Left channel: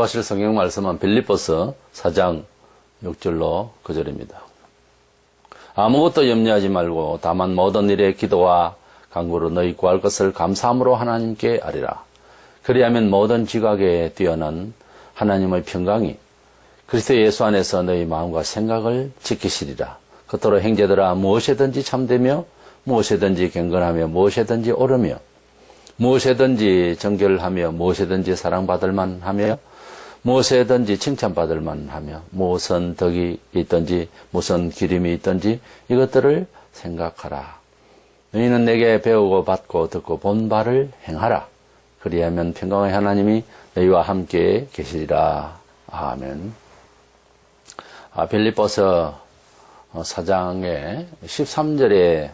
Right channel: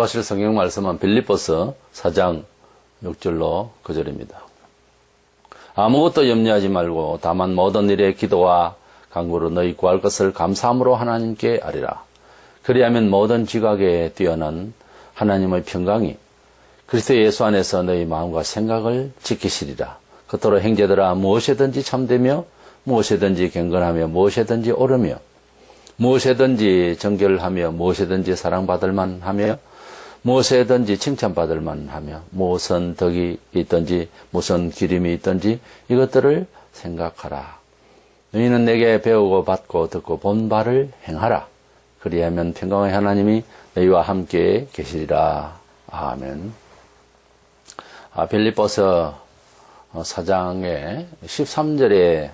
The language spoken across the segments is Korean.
보실 성경 말씀은 빌립보서 4장 6절로 9절입니다. 아무것도 염려하지 말고 다만 모든 일에 기도와 간구로 너희 구할 것을 감사함으로 하나님께 아뢰라. 그리하면 모든 지각에 뛰어난 하나님의 평강이 그리스도 예수 안에서 너희 마음과 생각을 지키시리라. 그토록 형제들아 무엇이든지 참되며 무엇이든지 경건하며 무엇이든지 옳으며 무엇이든지 정결하며 무엇이든지 사랑받을 만하며 무엇이든지 칭찬받을 만하며 무슨 덕이 있든지 무슨 기림이 있든지 이것들을 생각하라. 너희는 내게 배우고 받고 듣고 본 바를 행하라. 그리하면 평강의 하나님이 너희와 함께 계시리라. 아멘. 빌립보서 4장의 13절에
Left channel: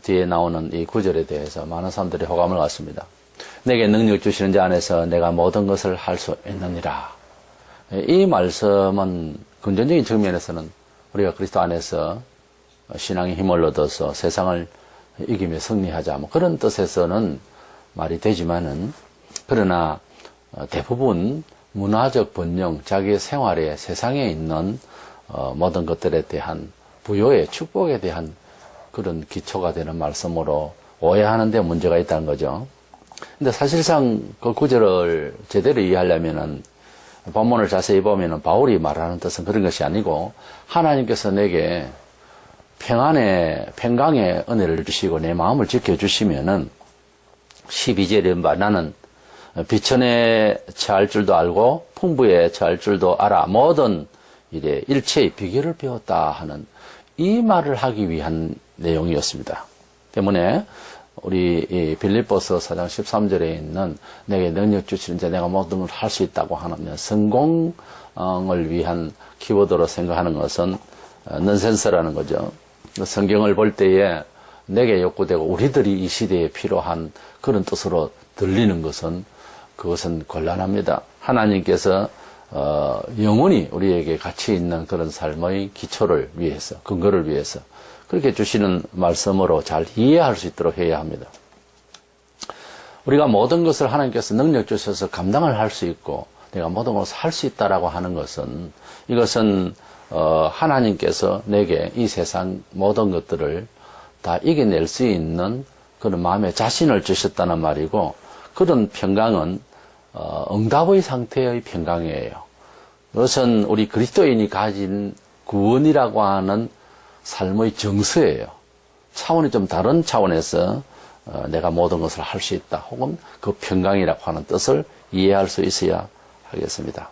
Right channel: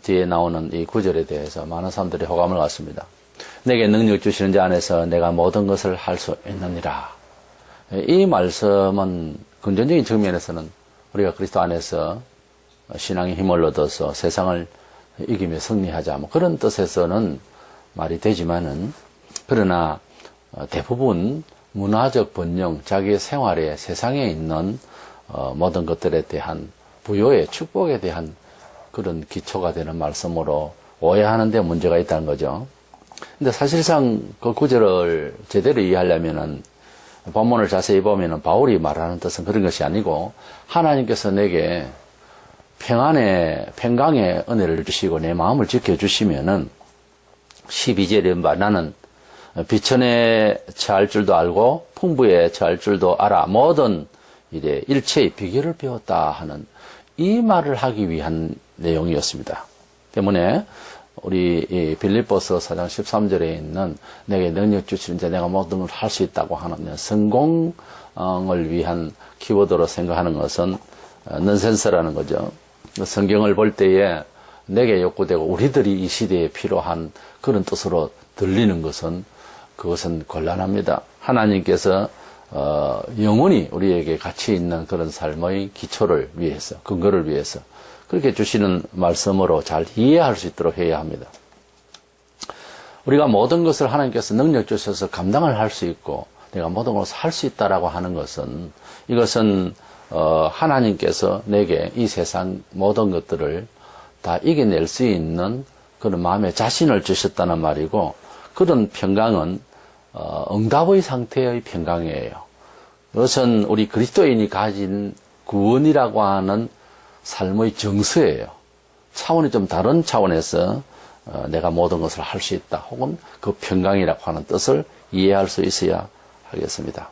뒤에 나오는 이 구절에 대해서 많은 사람들이 호감을 갖습니다. 내게 능력 주시는 자 안에서 내가 모든 것을 할 수 있느니라. 이 말씀은 근본적인 측면에서는 우리가 그리스도 안에서 신앙의 힘을 얻어서 세상을 이기며 승리하자 뭐 그런 뜻에서는 말이 되지만은 그러나 대부분 문화적 번영, 자기의 생활에 세상에 있는 모든 것들에 대한 부요의 축복에 대한 그런 기초가 되는 말씀으로 오해하는 데 문제가 있다는 거죠. 근데 사실상 그 구절을 제대로 이해하려면은 본문을 자세히 보면은 바울이 말하는 뜻은 그런 것이 아니고 하나님께서 내게 평강의 은혜를 주시고 내 마음을 지켜주시면은 12절에 나는 비천에 처할 줄도 알고 풍부에 처할 줄도 알아 모든 일에 일체의 비결을 배웠다 하는 이 말을 하기 위한 내용이었습니다. 때문에 우리 빌립보서 4장 13절에 있는 내게 능력 주시는 자 내가 모든 걸 할 수 있다고 하는 성공을 위한 키워드로 생각하는 것은 넌센스라는 거죠. 성경을 볼 때에 내게 욕구되고 우리들이 이 시대에 필요한 그런 뜻으로 들리는 것은 그것은 곤란합니다. 하나님께서 영원히 우리에게 가치 있는 그런 삶의 기초를 위해서, 근거를 위해서 그렇게 주시는 말씀으로 잘 이해할 수 있도록 해야 합니다. 우리가 모든 것을 하나님께서 능력 주셔서 감당을 할 수 있고 내가 모든 것을 할 수 있다라고 하는 것은 이것은 하나님께서 내게 이 세상 모든 것들을 다 이겨낼 수 있는 그런 마음의 자신을 주셨다는 말이고 그런 평강은 응답의 상태의 평강이에요. 그것은 우리 그리스도인이 가진 구원이라고 하는 삶의 정서예요. 차원이 좀 다른 차원에서 내가 모든 것을 할 수 있다. 혹은 그 평강이라고 하는 뜻을 이해할 수 있어야 하겠습니다.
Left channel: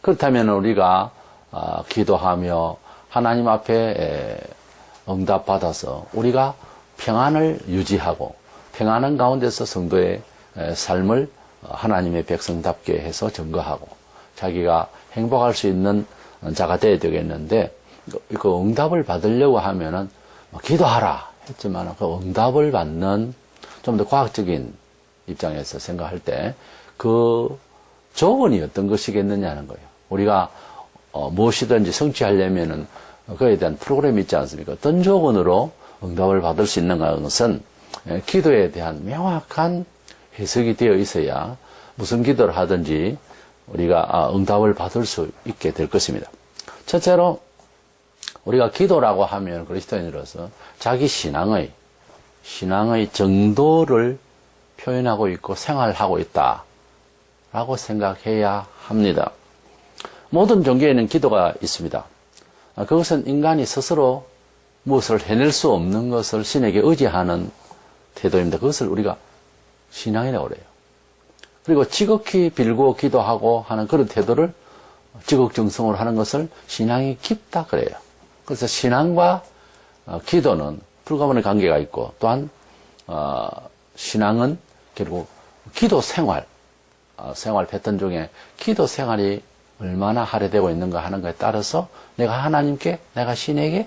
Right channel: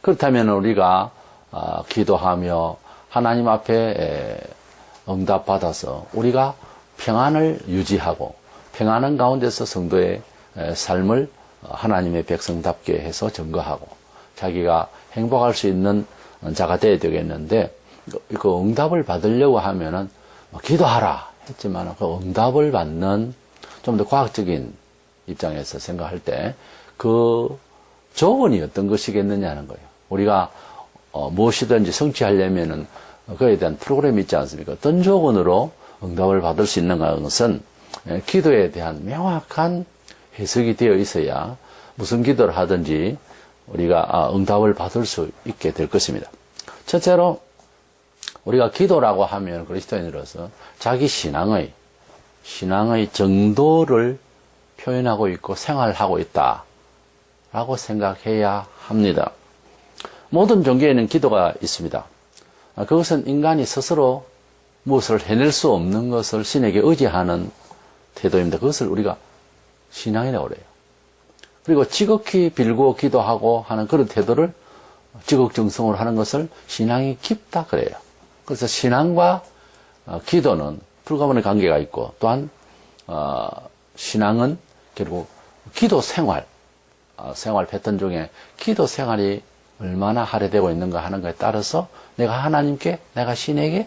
그렇다면 우리가 기도하며 하나님 앞에 응답받아서 우리가 평안을 유지하고 평안한 가운데서 성도의 삶을 하나님의 백성답게 해서 증거하고 자기가 행복할 수 있는 자가 되어야 되겠는데 그 응답을 받으려고 하면은 기도하라 했지만 그 응답을 받는 좀 더 과학적인 입장에서 생각할 때 그 조건이 어떤 것이겠느냐는 거예요. 우리가 무엇이든지 성취하려면은 그에 대한 프로그램이 있지 않습니까? 어떤 조건으로 응답을 받을 수 있는가 하는 것은 기도에 대한 명확한 해석이 되어 있어야 무슨 기도를 하든지 우리가 응답을 받을 수 있게 될 것입니다. 첫째로 우리가 기도라고 하면 그리스도인으로서 자기 신앙의 정도를 표현하고 있고 생활하고 있다라고 생각해야 합니다. 모든 종교에는 기도가 있습니다. 그것은 인간이 스스로 무엇을 해낼 수 없는 것을 신에게 의지하는 태도입니다. 그것을 우리가 신앙이라고 그래요. 그리고 지극히 빌고 기도하고 하는 그런 태도를 지극정성으로 하는 것을 신앙이 깊다 그래요. 그래서 신앙과 기도는 불가분의 관계가 있고 또한 신앙은 결국 기도 생활 패턴 중에 기도 생활이 얼마나 할애되고 있는가 하는 것에 따라서 내가 하나님께 내가 신에게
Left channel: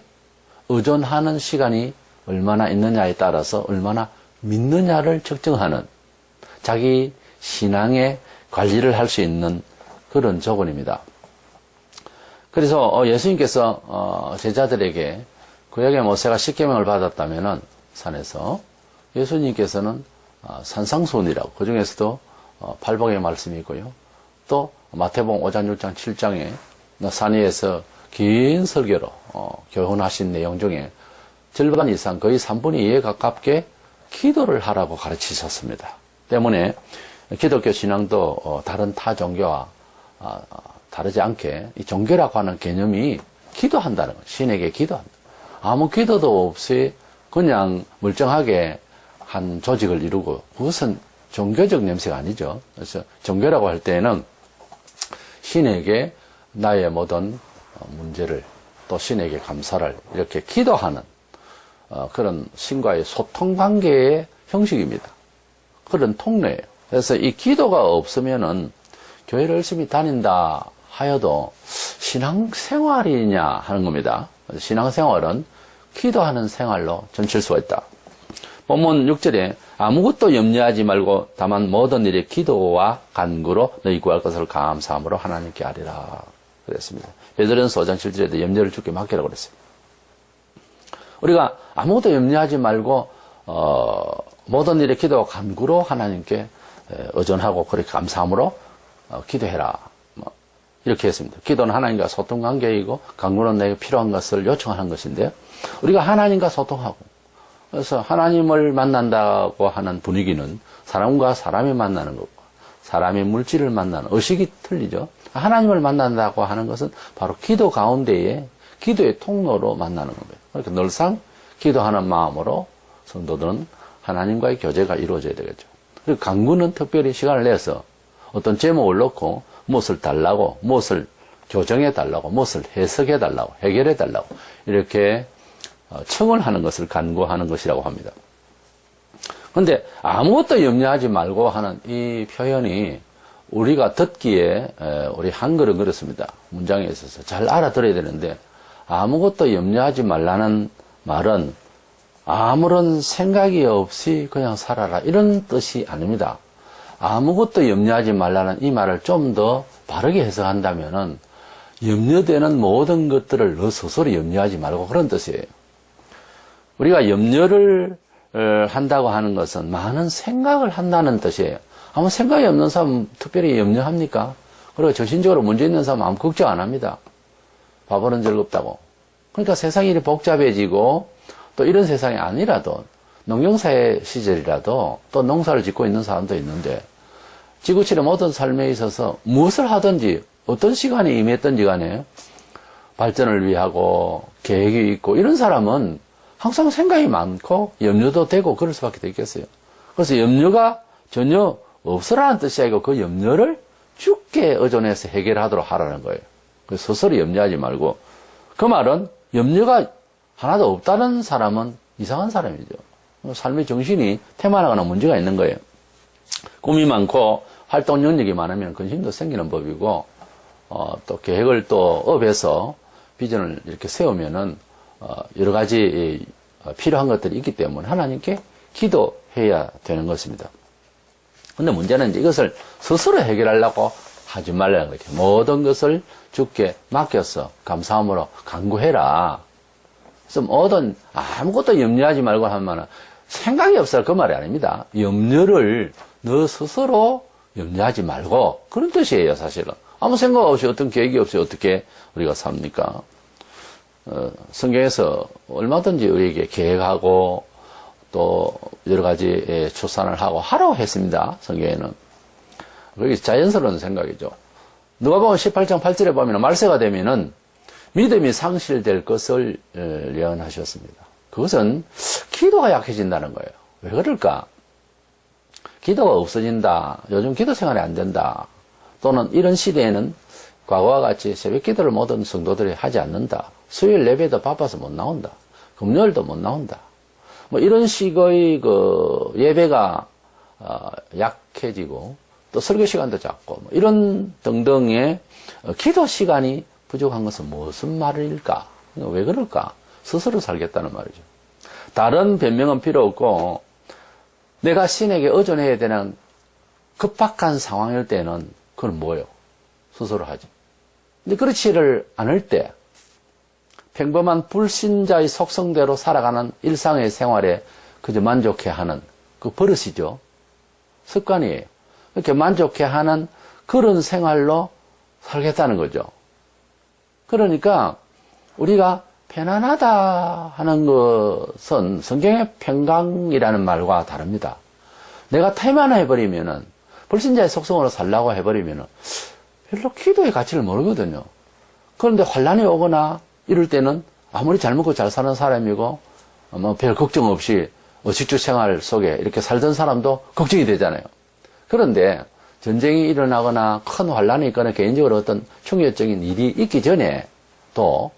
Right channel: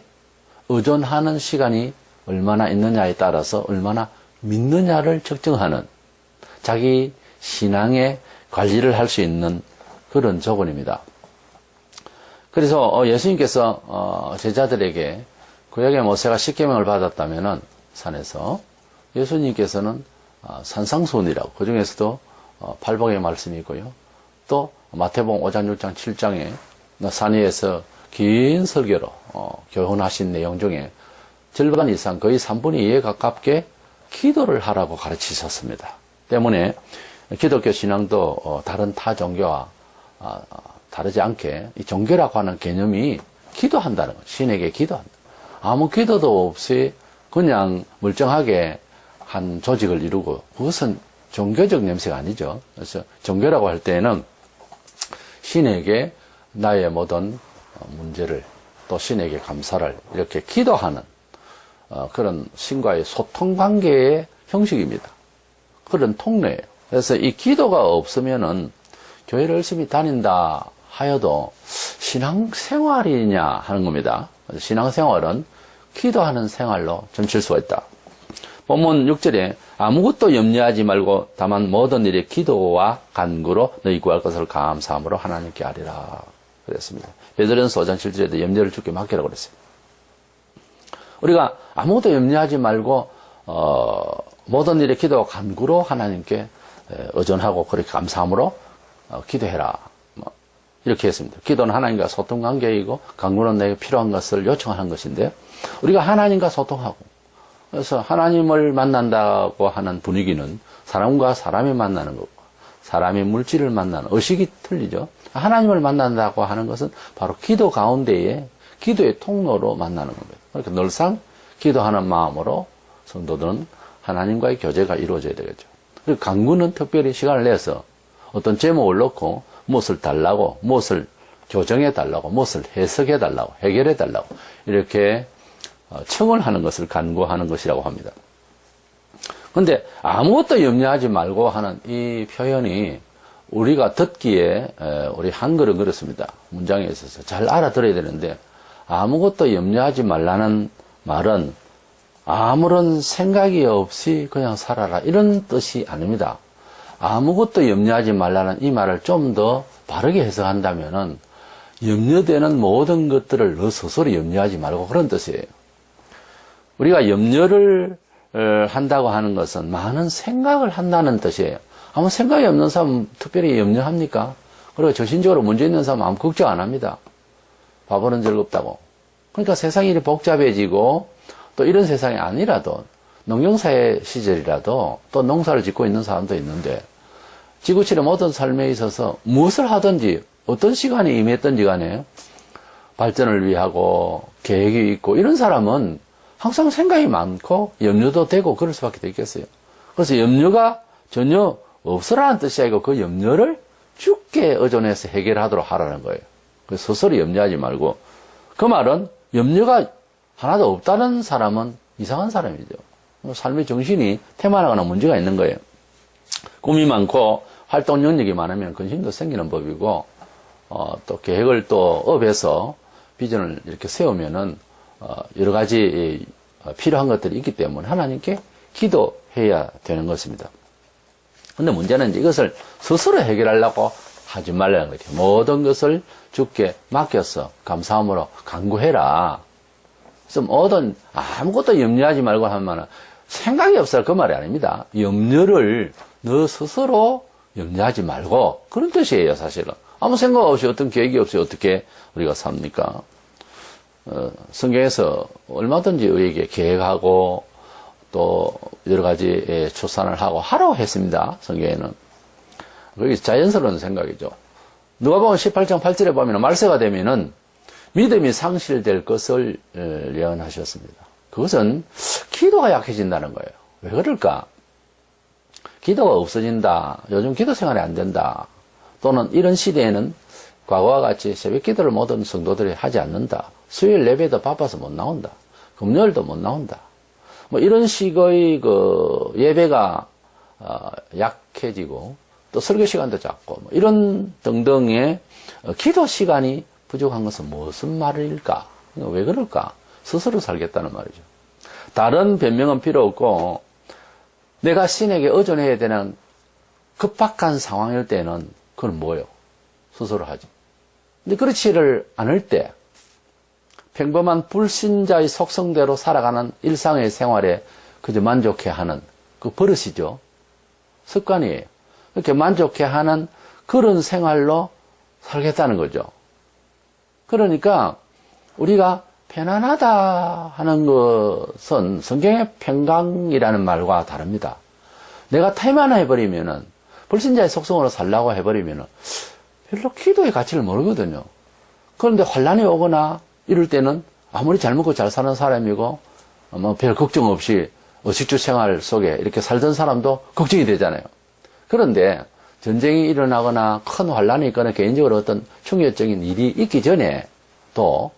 의존하는 시간이 얼마나 있느냐에 따라서 얼마나 믿느냐를 측정하는 자기 신앙의 관리를 할 수 있는 그런 조건입니다. 그래서 예수님께서 제자들에게 구약의 모세가 십계명을 받았다면은 산에서 예수님께서는 산상수훈이라고 그 중에서도 팔복의 말씀이 있고요. 또 마태복음 5장, 6장, 7장에 산 위에서 긴 설교로 교훈하신 내용 중에 절반 이상 거의 3분의 2에 가깝게 기도를 하라고 가르치셨습니다. 때문에 기독교 신앙도 다른 타 종교와 다르지 않게 이 종교라고 하는 개념이 기도한다는 거예요. 신에게 기도한다. 아무 기도도 없이 그냥 멀쩡하게 한 조직을 이루고 그것은 종교적 냄새가 아니죠. 그래서 종교라고 할 때는 신에게 나의 모든 문제를 또 신에게 감사를 이렇게 기도하는 그런 신과의 소통 관계의 형식입니다. 그런 통로예요. 그래서 이 기도가 없으면은 교회를 열심히 다닌다 하여도 신앙생활이냐 하는 겁니다. 신앙생활은 기도하는 생활로 점칠 수가 있다. 본문 6절에 아무것도 염려하지 말고 다만 모든 일에 기도와 간구로 너희 구할 것을 감사함으로 하나님께 아뢰라 그랬습니다. 베드로전서 5장 7절에도 염려를 주께 맡기라고 그랬어요. 우리가 아무것도 염려하지 말고 모든 일에 기도와 간구로 하나님께 의존하고 그렇게 감사함으로 기도해라. 이렇게 했습니다. 기도는 하나님과 소통 관계이고 간구는 내게 필요한 것을 요청하는 것인데요. 우리가 하나님과 소통하고 그래서 하나님을 만난다고 하는 분위기는 사람과 사람이 만나는 거고 사람이 물질을 만나는 의식이 틀리죠. 하나님을 만난다고 하는 것은 바로 기도 가운데에 기도의 통로로 만나는 겁니다. 그러니까 늘상 기도하는 마음으로 성도들은 하나님과의 교제가 이루어져야 되겠죠. 그리고 간구는 특별히 시간을 내서 어떤 제목을 넣고 무엇을 달라고, 무엇을 교정해 달라고, 무엇을 해석해 달라고, 해결해 달라고 이렇게 청을 하는 것을 간구하는 것이라고 합니다. 그런데 아무것도 염려하지 말고 하는 이 표현이 우리가 듣기에 우리 한글은 그렇습니다. 문장에 있어서 잘 알아들어야 되는데 아무것도 염려하지 말라는 말은 아무런 생각이 없이 그냥 살아라 이런 뜻이 아닙니다. 아무것도 염려하지 말라는 이 말을 좀 더 바르게 해석한다면은 염려되는 모든 것들을 너 스스로 염려하지 말고 그런 뜻이에요. 우리가 염려를 한다고 하는 것은 많은 생각을 한다는 뜻이에요. 아무 생각이 없는 사람 특별히 염려합니까? 그리고 정신적으로 문제 있는 사람 아무 걱정 안 합니다. 바보는 즐겁다고. 그러니까 세상이 이렇게 복잡해지고 또 이런 세상이 아니라도 농경사회 시절이라도 또 농사를 짓고 있는 사람도 있는데 지구촌의 모든 삶에 있어서 무엇을 하든지 어떤 시간에 임했든지 간에 발전을 위하고 계획이 있고 이런 사람은 항상 생각이 많고 염려도 되고 그럴 수밖에 없겠어요. 그래서 염려가 전혀 없으라는 뜻이 아니고 그 염려를 주께 의존해서 해결하도록 하라는 거예요. 그래서 스스로 염려하지 말고 그 말은 염려가 하나도 없다는 사람은 이상한 사람이죠. 삶의 정신이 태만하거나 문제가 있는 거예요. 꿈이 많고 활동 능력이 많으면 근심도 생기는 법이고 또 계획을 또 업해서 비전을 이렇게 세우면은 여러 가지 필요한 것들이 있기 때문에 하나님께 기도해야 되는 것입니다. 근데 문제는 이제 이것을 스스로 해결하려고 하지 말라는 거죠. 모든 것을 주께 맡겨서 감사함으로 간구해라. 그래서 모든 아무것도 염려하지 말고 하면 생각이 없어요. 그 말이 아닙니다. 염려를 너 스스로 염려하지 말고 그런 뜻이에요. 사실은 아무 생각 없이 어떤 계획이 없이 어떻게 우리가 삽니까? 성경에서 얼마든지 우리에게 계획하고 또 여러 가지 추산을 하라고 했습니다. 성경에는. 그게 자연스러운 생각이죠. 누가복음 18장 8절에 보면 말세가 되면은 믿음이 상실될 것을 예언하셨습니다. 그것은 기도가 약해진다는 거예요. 왜 그럴까? 기도가 없어진다. 요즘 기도 생활이 안 된다. 또는 이런 시대에는 과거와 같이 새벽 기도를 모든 성도들이 하지 않는다. 수요일 예배도 바빠서 못 나온다. 금요일도 못 나온다. 뭐 이런 식의 그 예배가 약해지고 또 설교 시간도 작고 뭐 이런 등등의 기도 시간이 부족한 것은 무슨 말일까? 왜 그럴까? 스스로 살겠다는 말이죠. 다른 변명은 필요 없고 내가 신에게 의존해야 되는 급박한 상황일 때는 그건 뭐예요? 스스로 하지. 근데 그렇지를 않을 때 평범한 불신자의 속성대로 살아가는 일상의 생활에 그저 만족해하는 그 버릇이죠. 습관이에요. 이렇게 만족해하는 그런 생활로 살겠다는 거죠. 그러니까 우리가 편안하다 하는 것은 성경의 평강이라는 말과 다릅니다. 내가 태만해버리면은, 불신자의 속성으로 살라고 해버리면은 별로 기도의 가치를 모르거든요. 그런데 환란이 오거나 이럴 때는 아무리 잘 먹고 잘 사는 사람이고 뭐 별 걱정 없이 의식주 생활 속에 이렇게 살던 사람도 걱정이 되잖아요. 그런데 전쟁이 일어나거나 큰 환란이 있거나 개인적으로 어떤 충격적인 일이 있기 전에 또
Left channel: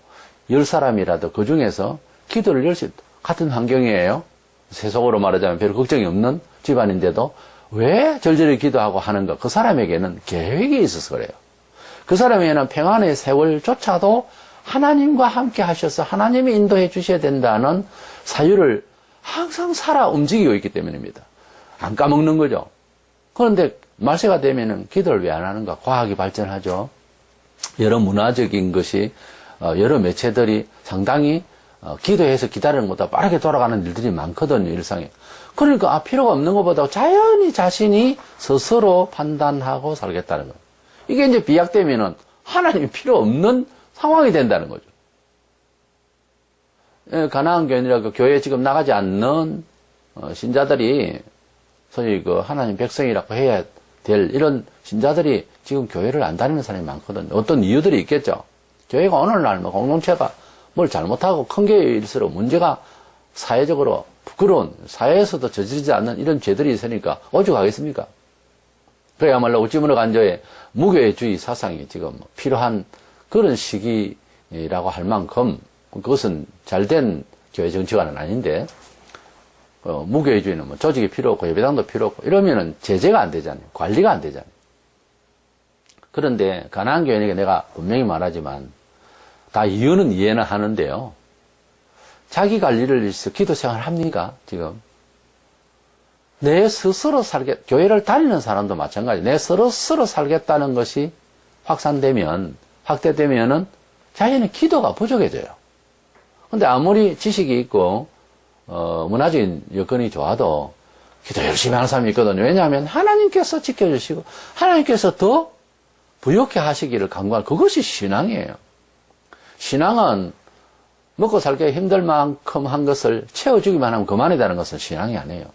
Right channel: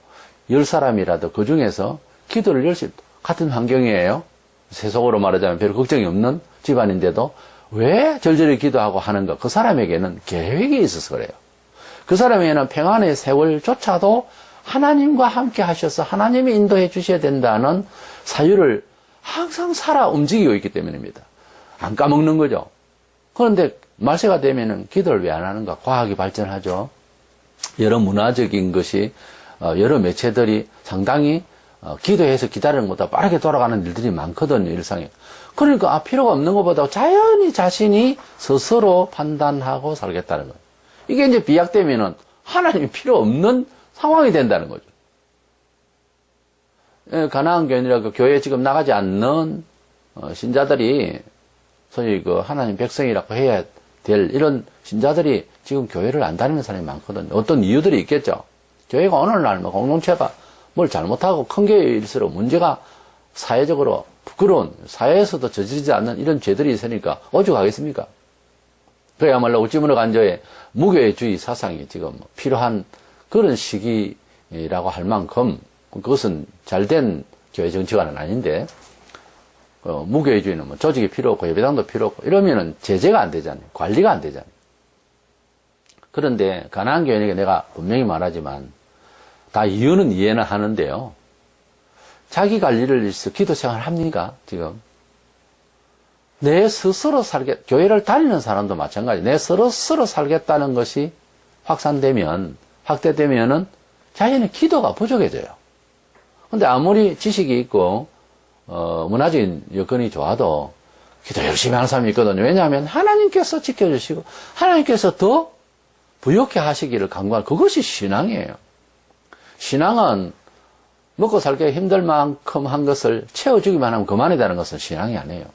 10사람이라도 그 중에서 기도를 열 수 있다. 같은 환경이에요. 세속으로 말하자면 별 걱정이 없는 집안인데도 왜 절절히 기도하고 하는가? 그 사람에게는 계획이 있어서 그래요. 그 사람에게는 평안의 세월조차도 하나님과 함께 하셔서 하나님이 인도해 주셔야 된다는 사유를 항상 살아 움직이고 있기 때문입니다. 안 까먹는 거죠. 그런데 말세가 되면은 기도를 왜 안 하는가? 과학이 발전하죠. 여러 문화적인 것이, 여러 매체들이 상당히 기도해서 기다리는 것보다 빠르게 돌아가는 일들이 많거든요, 일상에. 그러니까 필요가 없는 것보다 자연히 자신이 스스로 판단하고 살겠다는 거예요. 이게 이제 비약되면은 하나님이 필요 없는 상황이 된다는 거죠. 가나안 교인이라고 교회에 지금 나가지 않는 신자들이 소위 그 하나님 백성이라고 해야 될 이런 신자들이 지금 교회를 안 다니는 사람이 많거든요. 어떤 이유들이 있겠죠. 교회가 오늘날 뭐 공동체가 뭘 잘못하고 큰 교회일수록 문제가 사회적으로 부끄러운, 사회에서도 저지르지 않는 이런 죄들이 있으니까 오죽하겠습니까? 그야말로 우찌무너 간저의 무교회주의 사상이 지금 필요한 그런 시기라고 할 만큼, 그것은 잘된 교회 정치관은 아닌데, 무교회주의는 뭐 조직이 필요 없고 예배당도 필요 없고 이러면은 제재가 안 되잖아요. 관리가 안 되잖아요. 그런데 가나안 교인에게 내가 분명히 말하지만 다 이해는 하는데요. 자기 관리를 위해서 기도 생활 합니까? 지금 내 스스로 교회를 다니는 사람도 마찬가지. 내 스스로 살겠다는 것이 확대되면은 자기는 기도가 부족해져요. 근데 아무리 지식이 있고 문화적인 여건이 좋아도 기도 열심히 하는 사람이 있거든요. 왜냐하면 하나님께서 지켜주시고 하나님께서 더 부욕해 하시기를 간구하는 그것이 신앙이에요. 신앙은 먹고 살기 힘들 만큼 한 것을 채워주기만 하면 그만이라는 것은 신앙이 아니에요.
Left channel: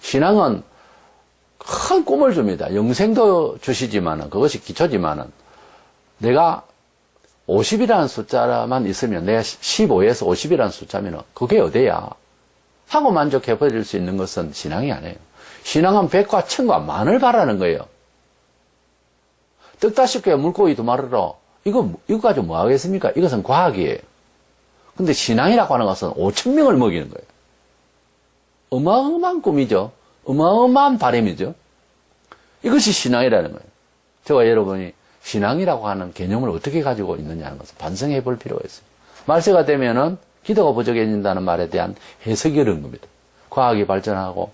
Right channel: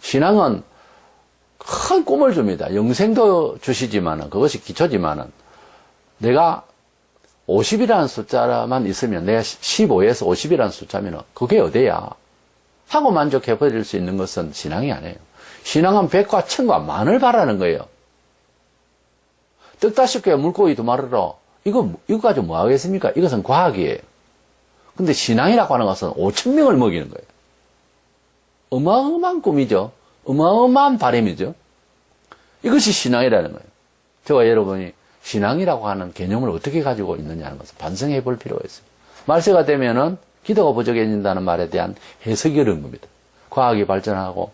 신앙은 큰 꿈을 줍니다. 영생도 주시지만은 그것이 기초지만은 내가 50이라는 숫자만 있으면 내가 15에서 50이라는 숫자면 그게 어디야? 하고 만족해버릴 수 있는 것은 신앙이 아니에요. 신앙은 100과 1000과 만을 바라는 거예요. 떡 50개 물고기 2마리로 이거 가지고 뭐 하겠습니까? 이것은 과학이에요. 근데 신앙이라고 하는 것은 5,000명을 먹이는 거예요. 어마어마한 꿈이죠. 어마어마한 바람이죠. 이것이 신앙이라는 거예요. 저와 여러분이 신앙이라고 하는 개념을 어떻게 가지고 있느냐는 것을 반성해 볼 필요가 있어요. 말세가 되면은 기도가 부족해진다는 말에 대한 해석이 어려운 겁니다. 과학이 발전하고,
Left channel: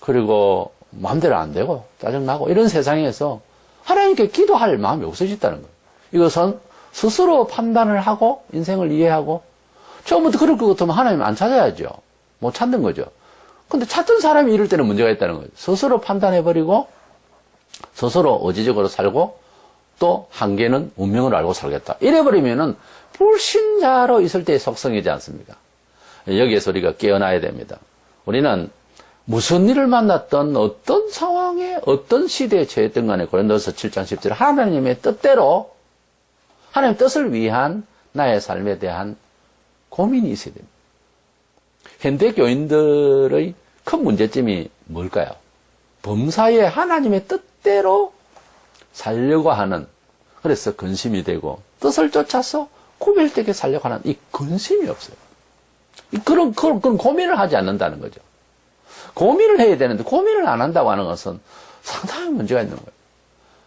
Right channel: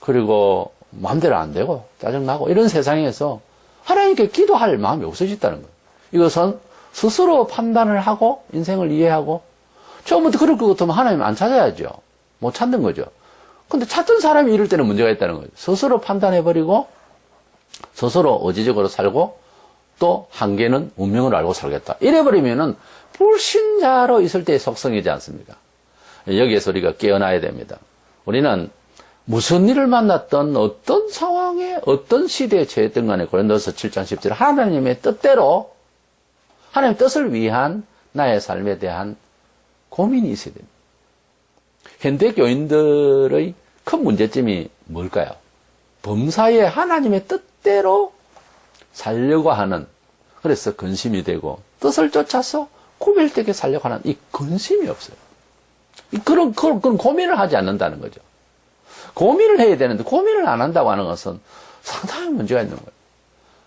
그리고 마음대로 안 되고, 짜증나고, 이런 세상에서 하나님께 기도할 마음이 없어졌다는 거예요. 이것은 스스로 판단을 하고, 인생을 이해하고, 처음부터 그럴 것 같으면 하나님 안 찾아야죠. 못 찾는 거죠. 근데 찾던 사람이 이럴 때는 문제가 있다는 거예요. 스스로 판단해버리고, 스스로 의지적으로 살고, 또 한계는 운명을 알고 살겠다. 이래버리면은 불신자로 있을 때의 속성이지 않습니까? 여기에서 우리가 깨어나야 됩니다. 우리는 무슨 일을 만났던 어떤 상황에 어떤 시대에 처했던 간에 고린도서 7장 10절 하나님의 뜻대로 하나님의 뜻을 위한 나의 삶에 대한 고민이 있어야 됩니다. 현대 교인들의 큰 문제점이 뭘까요? 범사에 하나님의 뜻대로 살려고 하는, 그래서 근심이 되고 뜻을 쫓아서 구별되게 살려고 하는 이 근심이 없어요. 그런 고민을 하지 않는다는 거죠. 고민을 해야 되는데 고민을 안 한다고 하는 것은 상당히 문제가 있는 거예요.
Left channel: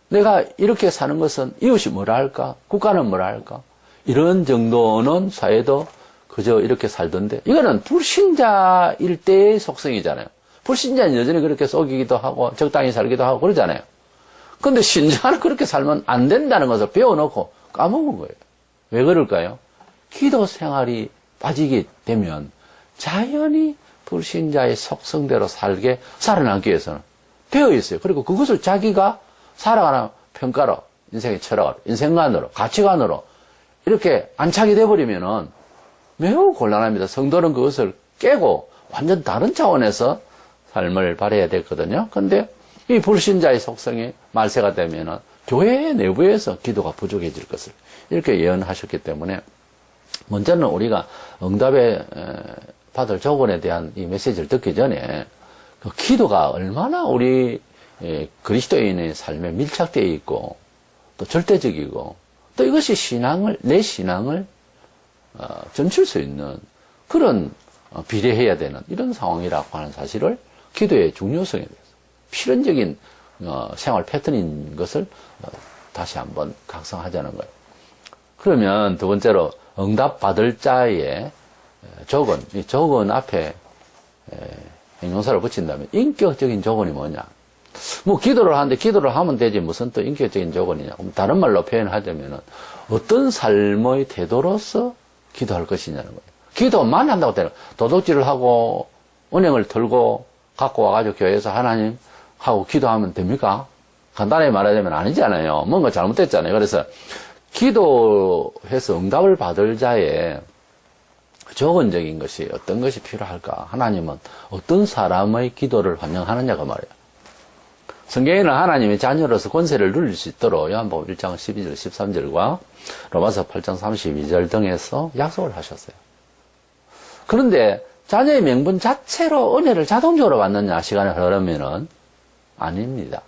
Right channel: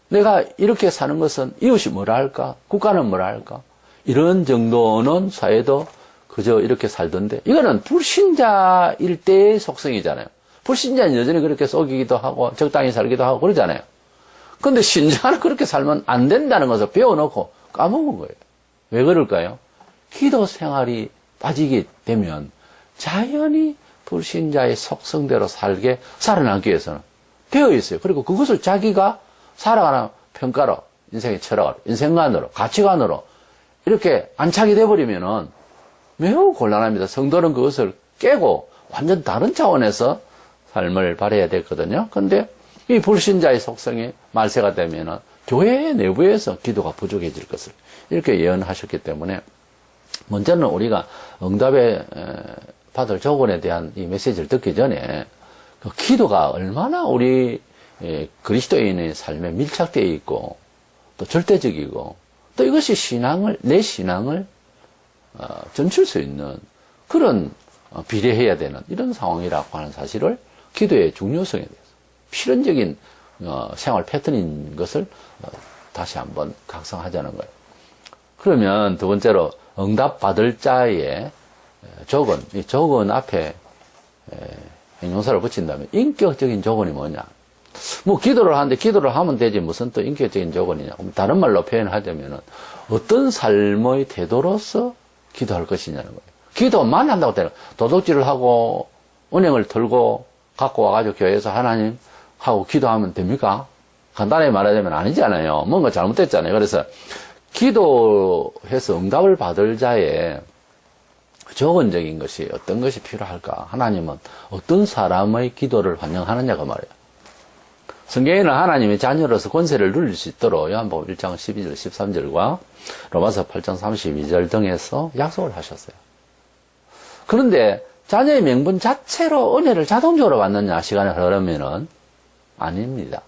내가 이렇게 사는 것은 이웃이 뭐라 할까? 국가는 뭐라 할까? 이런 정도는 사회도 그저 이렇게 살던데, 이거는 불신자일 때의 속성이잖아요. 불신자는 여전히 그렇게 속이기도 하고 적당히 살기도 하고 그러잖아요. 근데 신자는 그렇게 살면 안 된다는 것을 배워놓고 까먹은 거예요. 왜 그럴까요? 기도 생활이 빠지게 되면 자연히 불신자의 속성대로 살아남기 위해서는 되어 있어요. 그리고 그것을 자기가 살아가는 평가로 인생의 철학으로, 인생관으로, 가치관으로 이렇게 안착이 돼버리면은 매우 곤란합니다. 성도는 그것을 깨고 완전 다른 차원에서 삶을 발해야 되거든요. 근데 이 불신자의 속성이 말세가 되면은 교회 내부에서 기도가 부족해질 것을 이렇게 예언하셨기 때문에 먼저는 우리가 응답에 받을 조건에 대한 이 메시지를 듣기 전에 그 기도가 얼마나 우리 그리스도인의 삶에 밀착되어 있고 또 절대적이고 또 이것이 내 신앙을 점칠 수 있는 그런 비례해야 되는 이런 상황이라고 하는 사실을 기도의 중요성에 대해서 필연적인 생활 패턴인 것을 다시 한번 각성하자는 거예요. 그러면 두 번째로 응답 받을 자의 조건, 이 조건 앞에 형용사를 붙인다면 인격적인 조건이 뭐냐? 뭐 기도를 하는데 기도를 하면 되지 무슨 또 인격적인 조건이냐? 다른 말로 표현하자면은 어떤 삶의 태도로서 기도할 것이냐는 거예요. 기도만 한다고 되는 도둑질을 하고 은행을 털고 갖고 와가지고 교회에서 하나님 하고 기도하면 됩니까? 간단하게 말하자면 아니잖아요. 뭔가 잘못됐잖아요. 그래서 기도해서 응답을 받을 자의 조건적인 것이 어떤 것이 필요할까? 하나님은 어떤 사람의 기도를 환영하느냐고 말이에요. 성경에는 하나님의 자녀로서 권세를 누릴 수 있도록 요한복음 1장 12절 13절과 로마서 8장 32절 등에서 약속을 하셨어요. 그런데 자녀의 명분 자체로 은혜를 자동적으로 받느냐 시간이 흐르면은 아닙니다.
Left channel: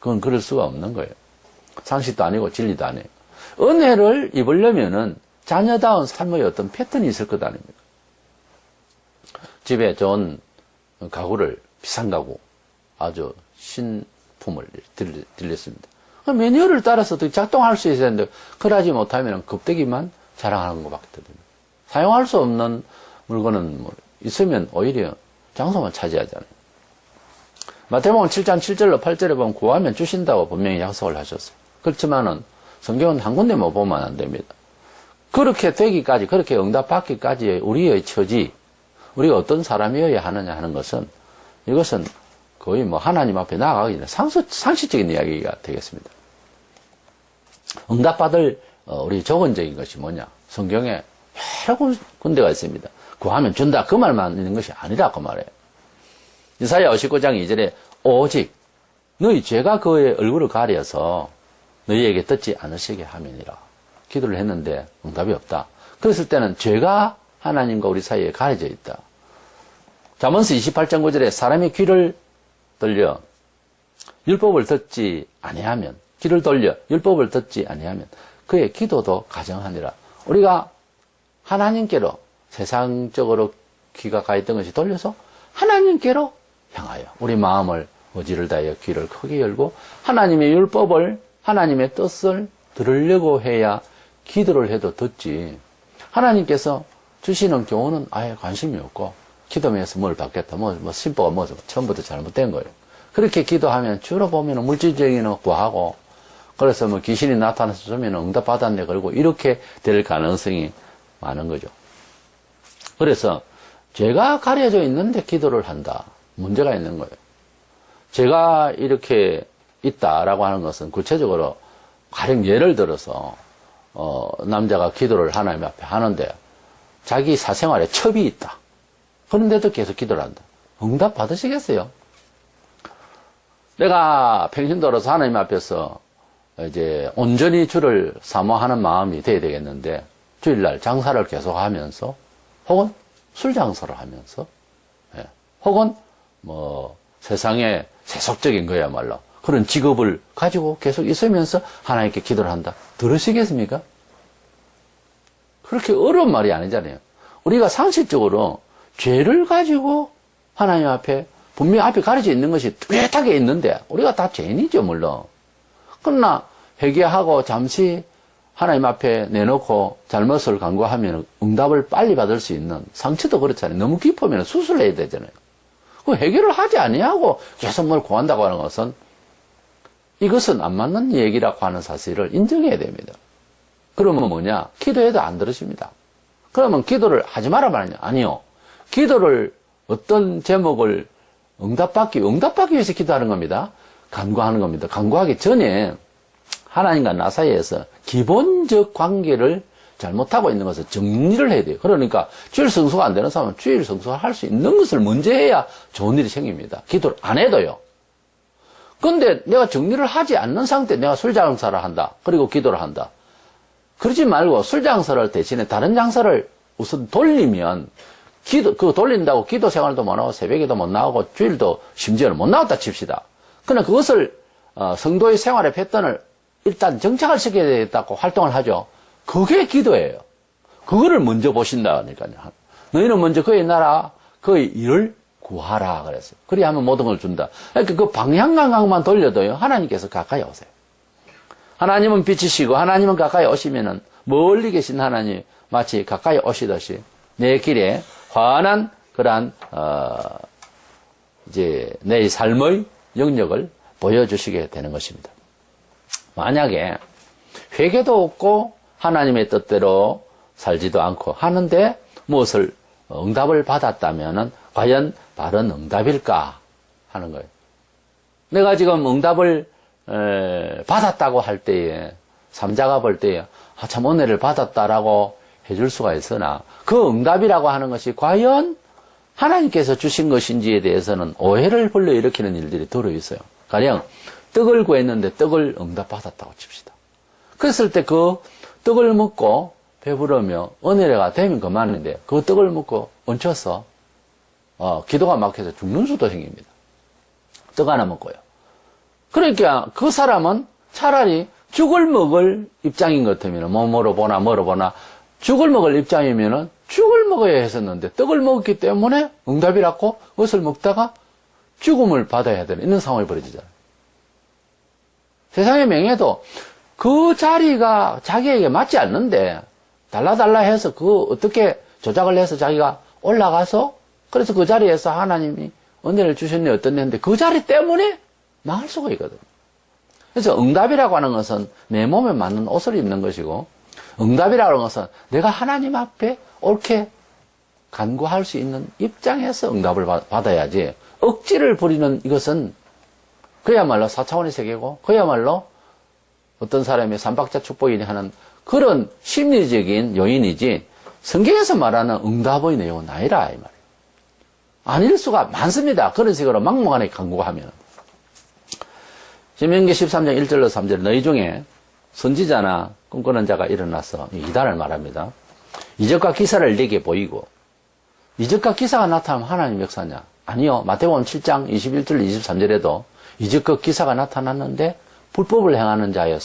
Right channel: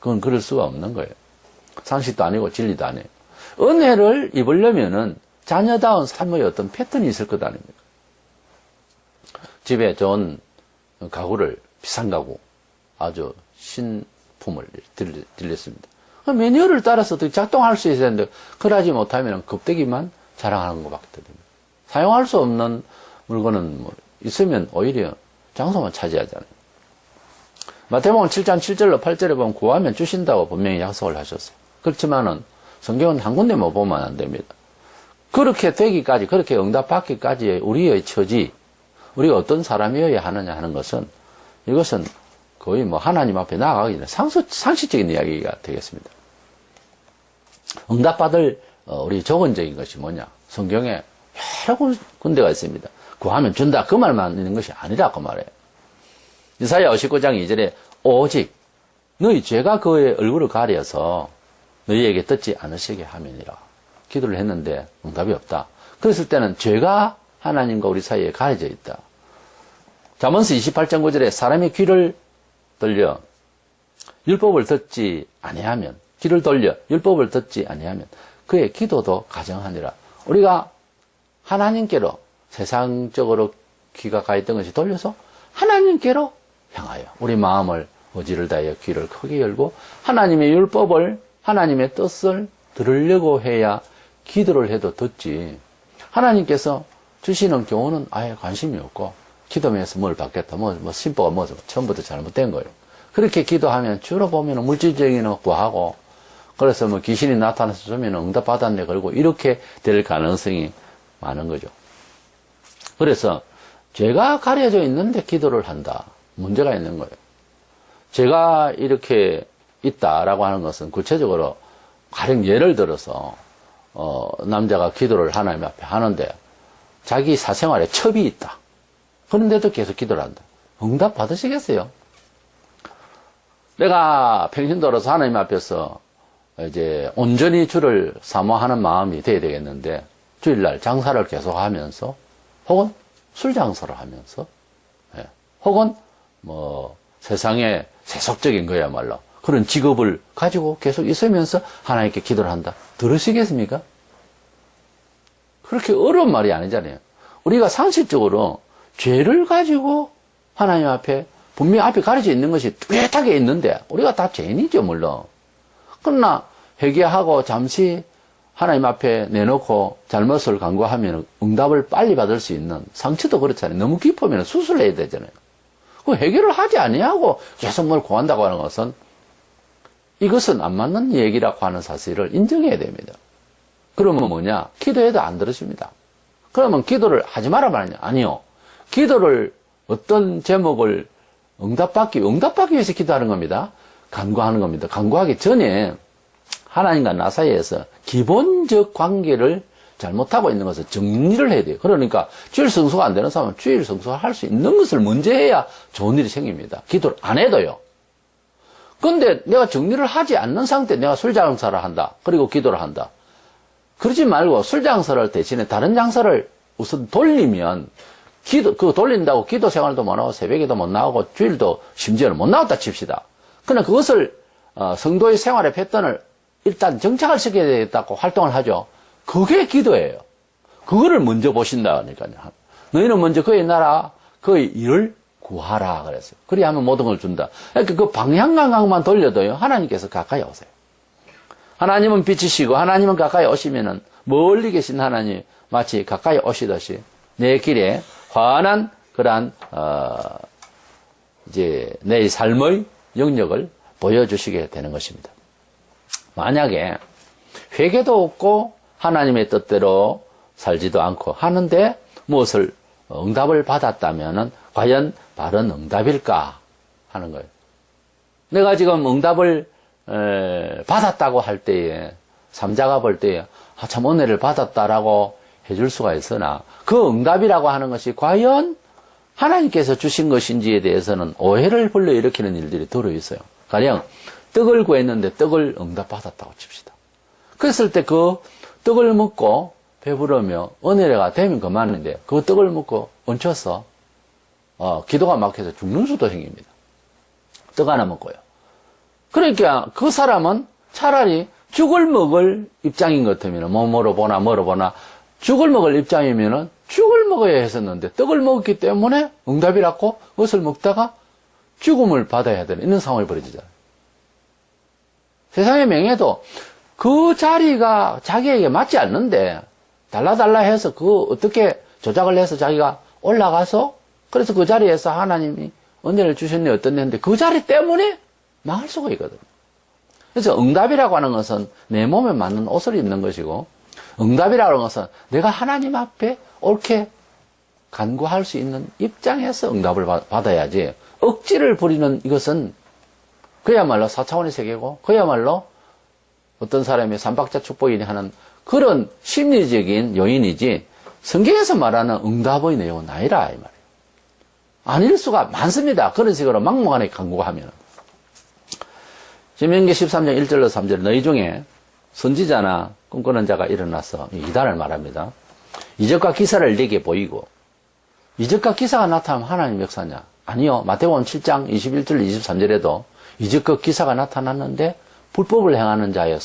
그건 그럴 수가 없는 거예요. 상식도 아니고 진리도 아니에요. 은혜를 입으려면은 자녀다운 삶의 어떤 패턴이 있을 것 아닙니까? 집에 좋은 가구를, 비싼 가구, 아주 신품을 들렸습니다. 매뉴얼을 따라서 작동할 수 있어야 되는데, 그러지 못하면 겁대기만 자랑하는 것밖에 됩니다. 사용할 수 없는 물건은 뭐 있으면 오히려 장소만 차지하잖아요. 마태복음 7장 7절로 8절에 보면 구하면 주신다고 분명히 약속을 하셨어요. 그렇지만은 성경은 한 군데만 보면 안 됩니다. 그렇게 되기까지, 그렇게 응답받기까지의 우리의 처지, 우리가 어떤 사람이어야 하느냐 하는 것은, 이것은 거의 뭐 하나님 앞에 나아가기 전에 상식적인 이야기가 되겠습니다. 응답받을 우리 조건적인 것이 뭐냐? 성경에 여러 군데가 있습니다. 구하면 준다. 그 말만 있는 것이 아니라 그 말이에요. 이사야 59장 2절에 오직 너희 죄가 그의 얼굴을 가려서 너희에게 듣지 않으시게 함이니라. 기도를 했는데 응답이 없다. 그랬을 때는 죄가 하나님과 우리 사이에 가려져 있다. 잠언서 28장 9절에 사람이 귀를 돌려 율법을 듣지 아니하면, 귀를 돌려 율법을 듣지 아니하면 그의 기도도 가정하니라. 우리가 하나님께로 세상적으로 귀가 가 있던 것이 돌려서 하나님께로 향하여 우리 마음을 의지를 다하여 귀를 크게 열고 하나님의 율법을, 하나님의 뜻을 들으려고 해야 기도를 해도 듣지. 하나님께서 주시는 교훈은 아예 관심이 없고 기도면서 뭘 받겠다, 심보가 처음부터 잘못된 거예요. 그렇게 기도하면 주로 보면 물질적인 거 구하고, 그래서 뭐 귀신이 나타나서 주면 응답 받았네 그러고 이렇게 될 가능성이 많은 거죠. 그래서 죄가 가려져 있는데 기도를 한다. 문제가 있는 거예요. 죄가 이렇게 있다라고 하는 것은 구체적으로 가령 예를 들어서 남자가 기도를 하나님 앞에 하는데 자기 사생활에 첩이 있다. 그런데도 계속 기도를 한다. 응답 받으시겠어요? 내가 평신도로서 하나님 앞에서 이제 온전히 주를 사모하는 마음이 돼야 되겠는데 주일날 장사를 계속 하면서 혹은 술 장사를 하면서 혹은 뭐 세상에 세속적인 거야말로 그런 직업을 가지고 계속 있으면서 하나님께 기도를 한다. 들으시겠습니까? 그렇게 어려운 말이 아니잖아요. 우리가 상식적으로 죄를 가지고 하나님 앞에 분명히 앞에 가려져 있는 것이 뚜렷하게 있는데 우리가 다 죄인이죠 물론. 그러나 회개하고 잠시 하나님 앞에 내놓고 잘못을 간구하면 응답을 빨리 받을 수 있는, 상처도 그렇잖아요. 너무 깊으면 수술해야 되잖아요. 그 해결을 하지 아니하고 계속 뭘 구한다고 하는 것은 이것은 안 맞는 얘기라고 하는 사실을 인정해야 됩니다. 그러면 뭐냐? 기도해도 안 들으십니다. 그러면 기도를 하지 마라 말이냐? 아니요. 기도를 어떤 제목을 응답받기 위해서 기도하는 겁니다. 간구하는 겁니다. 간구하기 전에 하나님과 나 사이에서 기본적 관계를 잘못하고 있는 것을 정리를 해야 돼요. 그러니까 주일 성수가 안 되는 사람은 주일 성수를 할 수 있는 것을 먼저 해야 좋은 일이 생깁니다. 기도를 안 해도요. 근데 내가 정리를 하지 않는 상태에 내가 술 장사를 한다. 그리고 기도를 한다. 그러지 말고 술 장사를 할 대신에 다른 장사를 우선 돌리면 그거 돌린다고 기도 생활도 못 하고 새벽에도 못 나오고 주일도 심지어는 못 나왔다 칩시다. 그러나 그것을 성도의 생활의 패턴을 일단 정착을 시켜야 되겠다고 활동을 하죠. 그게 기도예요. 그거를 먼저 보신다 그러니까요. 너희는 먼저 그의 나라, 그의 일을 구하라 그랬어요. 그래야 하면 모든 걸 준다. 그러니까 그 방향감각만 돌려도요. 하나님께서 가까이 오세요. 하나님은 빛이시고 하나님은 가까이 오시면은 멀리 계신 하나님 마치 가까이 오시듯이 내 길에 환한 그러한 이제 내 삶의 영역을 보여주시게 되는 것입니다. 만약에 회개도 없고 하나님의 뜻대로 살지도 않고 하는데 무엇을 응답을 받았다면은 과연 바른 응답일까 하는 거예요. 내가 지금 응답을 받았다고 할 때에 삼자가 볼 때에 참 은혜를 받았다라고 해줄 수가 있으나 그 응답이라고 하는 것이 과연 하나님께서 주신 것인지에 대해서는 오해를 불러일으키는 일들이 들어있어요. 가령 떡을 구했는데 떡을 응답받았다고 칩시다. 그랬을 때 그 떡을 먹고 배부르며 은혜가 되면 그만인데 그 떡을 먹고 얹혀서 기도가 막혀서 죽는 수도 생깁니다. 떡 하나 먹고요. 그러니까 그 사람은 차라리 죽을 먹을 입장인 것 같으면 뭐로 보나 죽을 먹을 입장이면은 죽을 먹어야 했었는데 떡을 먹었기 때문에 응답이라고 그것을 먹다가 죽음을 받아야 되는 이런 상황이 벌어지잖아요. 세상의 명예도 그 자리가 자기에게 맞지 않는데 달라달라 해서 그 어떻게 조작을 해서 자기가 올라가서 그래서 그 자리에서 하나님이 은혜를 주셨네 어떻네 했는데 그 자리 때문에 망할 수가 있거든요. 그래서 응답이라고 하는 것은 내 몸에 맞는 옷을 입는 것이고 응답이라고 하는 것은 내가 하나님 앞에 옳게 간구할 수 있는 입장에서 응답을 받아야지 억지를 부리는 이것은 그야말로 4차원의 세계고 그야말로 어떤 사람이 삼박자 축복이니 하는 그런 심리적인 요인이지 성경에서 말하는 응답의 내용은 아니라 이 말이에요. 아닐 수가 많습니다. 그런 식으로 막무가내 간구하면. 신명기 13장 1절로 3절 너희 중에 선지자나 꿈꾸는 자가 일어나서 이단을 말합니다. 이적과 기사를 내게 보이고 이적과 기사가 나타나면 하나님 역사냐? 아니요. 마태복음 7장 21절 23절에도 이적과 기사가 나타났는데 불법을 행하는 자의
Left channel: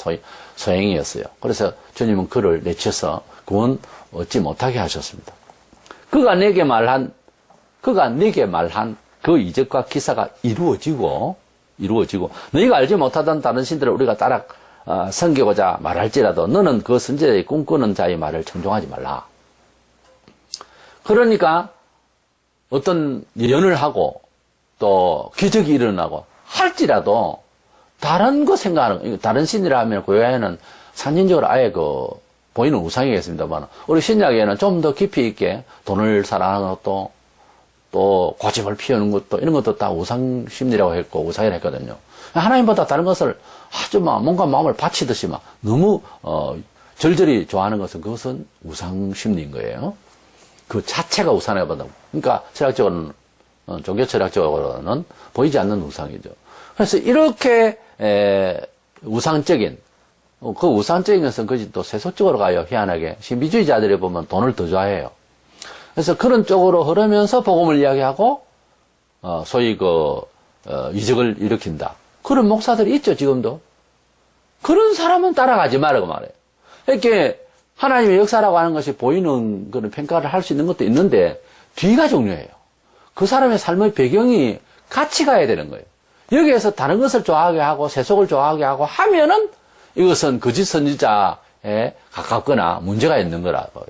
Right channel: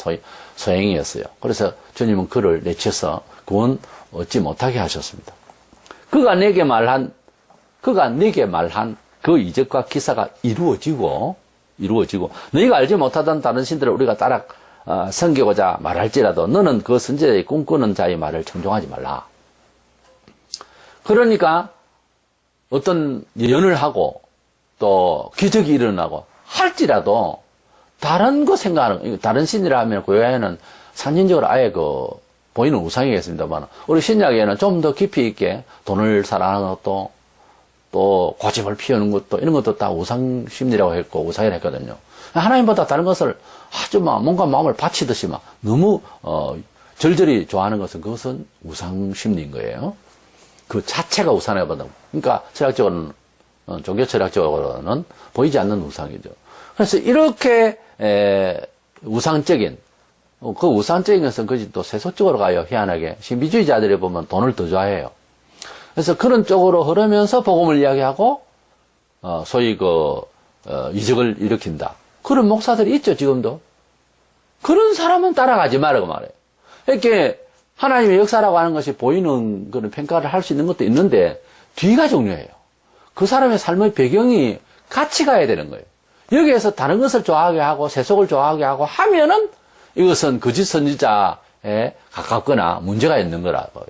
소행이었어요. 그래서 주님은 그를 내쳐서 구원 얻지 못하게 하셨습니다. 그가 내게 말한 그 이적과 기사가 이루어지고 너희가 알지 못하던 다른 신들을 우리가 따라 섬기고자 말할지라도 너는 그 선지자의 꿈꾸는 자의 말을 청종하지 말라. 그러니까 어떤 예언을 하고 또 기적이 일어나고 할지라도 다른 거 생각하는 다른 신이라 하면 고야에는 상징적으로 아예 보이는 우상이겠습니다만 우리 신약에는 좀 더 깊이 있게 돈을 사랑하는 것도 또 고집을 피우는 것도 이런 것도 다 우상 심리라고 했고 우상이라고 했거든요. 하나님보다 다른 것을 아주 뭔가 마음을 바치듯이 너무 절절히 좋아하는 것은 그것은 우상 심리인 거예요. 그 자체가 우상이라고 본다고. 그러니까 철학적으로는 종교 철학적으로는 보이지 않는 우상이죠. 그래서 이렇게 우상적인 그 우상적인 것은 그것이 또 세속적으로 가요. 희한하게 신비주의자들이 보면 돈을 더 좋아해요. 그래서 그런 쪽으로 흐르면서 복음을 이야기하고 소위 이적을 일으킨다. 그런 목사들이 있죠 지금도. 그런 사람은 따라가지 말라고 말해요. 이렇게 하나님의 역사라고 하는 것이 보이는 그런 평가를 할 수 있는 것도 있는데 뒤가 중요해요. 그 사람의 삶의 배경이 같이 가야 되는 거예요. 여기에서 다른 것을 좋아하게 하고 세속을 좋아하게 하고 하면은 이것은 거짓 선지자에 가깝거나 문제가 있는 거라고요.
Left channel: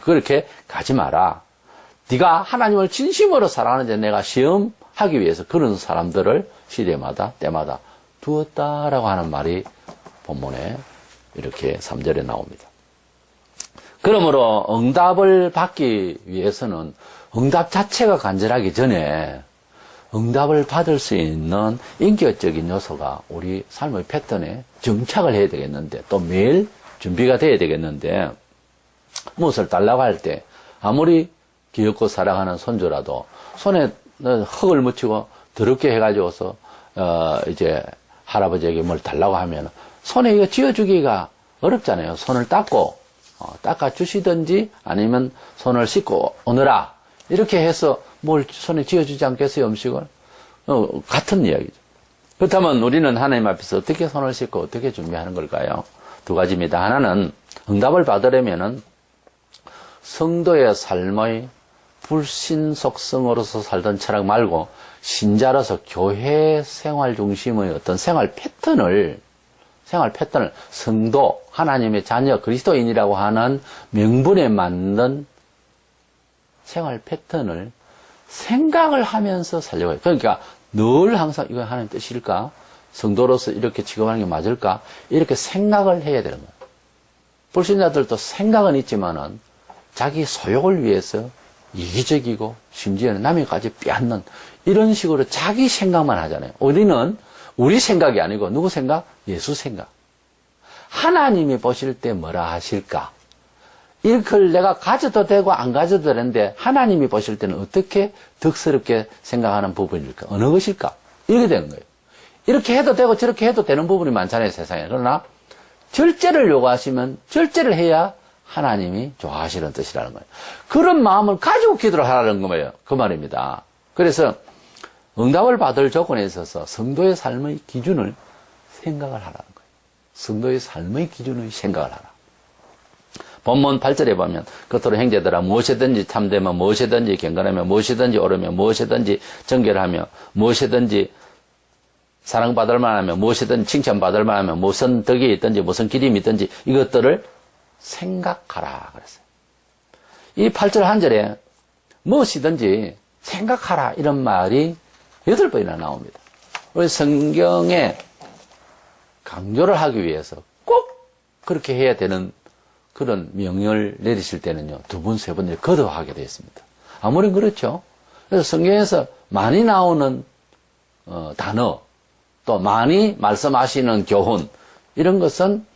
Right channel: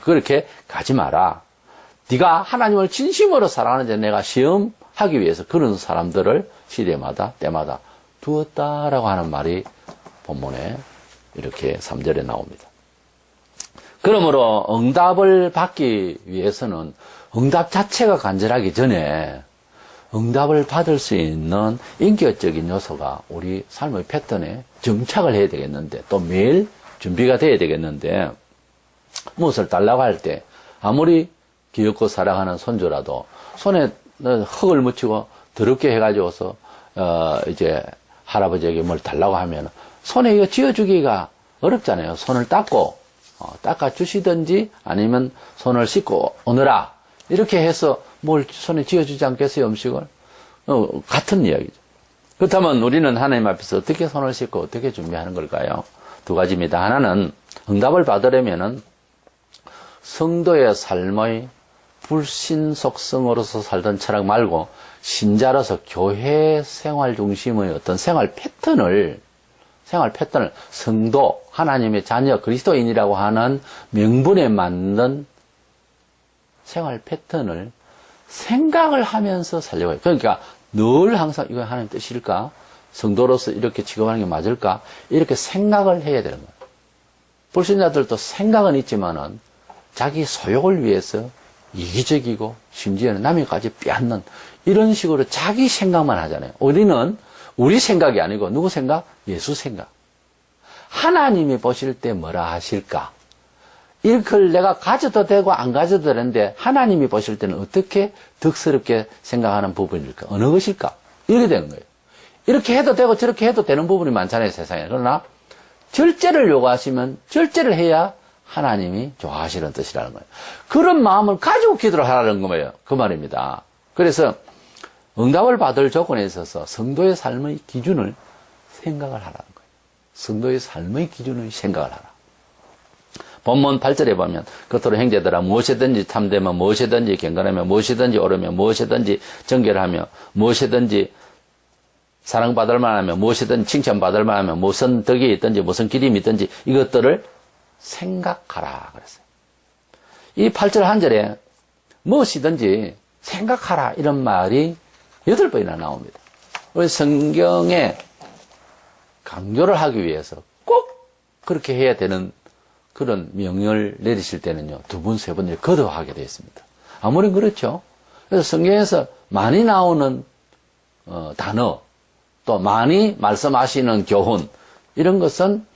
그렇게 가지 마라. 네가 하나님을 진심으로 사랑하는데 내가 시험하기 위해서 그런 사람들을 시대마다 때마다 두었다라고 하는 말이 본문에 이렇게 3절에 나옵니다. 그러므로 응답을 받기 위해서는 응답 자체가 간절하기 전에 응답을 받을 수 있는 인격적인 요소가 우리 삶의 패턴에 정착을 해야 되겠는데, 또 매일 준비가 돼야 되겠는데, 무엇을 달라고 할 때, 아무리 귀엽고 사랑하는 손주라도, 손에 흙을 묻히고 더럽게 해가지고서, 이제, 할아버지에게 뭘 달라고 하면, 손에 이거 쥐어주기가 어렵잖아요. 손을 닦고, 닦아주시든지, 아니면 손을 씻고 오느라, 이렇게 해서 뭘 손에 쥐어주지 않겠어요, 음식을? 같은 이야기죠. 그렇다면 우리는 하나님 앞에서 어떻게 손을 씻고 어떻게 준비하는 걸까요? 두 가지입니다. 하나는 응답을 받으려면은 성도의 삶의 불신 속성으로서 살던 철학 말고 신자로서 교회 생활 중심의 어떤 생활 패턴을 성도, 하나님의 자녀, 그리스도인이라고 하는 명분에 맞는 생활 패턴을 생각을 하면서 살려고 해요. 그러니까 늘 항상 이거 하나님 뜻일까? 성도로서 이렇게 취급하는 게 맞을까? 이렇게 생각을 해야 되는 거예요. 불신자들도 생각은 있지만은 자기 소욕을 위해서 이기적이고 심지어는 남에까지 빼앗는 이런 식으로 자기 생각만 하잖아요. 우리는 우리 생각이 아니고 누구 생각? 예수 생각. 하나님이 보실 때 뭐라 하실까? 이걸 내가 가져도 되고 안 가져도 되는데 하나님이 보실 때는 어떻게 덕스럽게 생각하는 부분일까? 어느 것일까? 이렇게 되는 거예요. 이렇게 해도 되고 저렇게 해도 되는 부분이 많잖아요, 세상에. 그러나 절제를 요구하시면 절제를 해야 하나님이 좋아하시는 뜻이라는 거예요. 그런 마음을 가지고 기도를 하라는 거예요. 그 말입니다. 그래서 응답을 받을 조건에 있어서 성도의 삶의 기준을 생각을 하라는 거예요. 성도의 삶의 기준을 생각을 하라. 본문 8절에 보면 겉으로 형제들아 무엇이든지 참되며 무엇이든지 경건하며 무엇이든지 옳으며 무엇이든지 정결하며 무엇이든지 사랑받을 만하며 무엇이든지 칭찬받을 만하며 무슨 덕이 있든지 무슨 기림이 있든지 이것들을 생각하라 그랬어요. 이 8절 한 절에 무엇이든지 생각하라 이런 말이 8번이나 나옵니다. 우리 성경에 강조를 하기 위해서 꼭 그렇게 해야 되는 그런 명령을 내리실 때는요, 2번, 3번 거듭하게 되어 있습니다. 아무리 그렇죠. 그래서 성경에서 많이 나오는 단어, 또 많이 말씀하시는 교훈, 이런 것은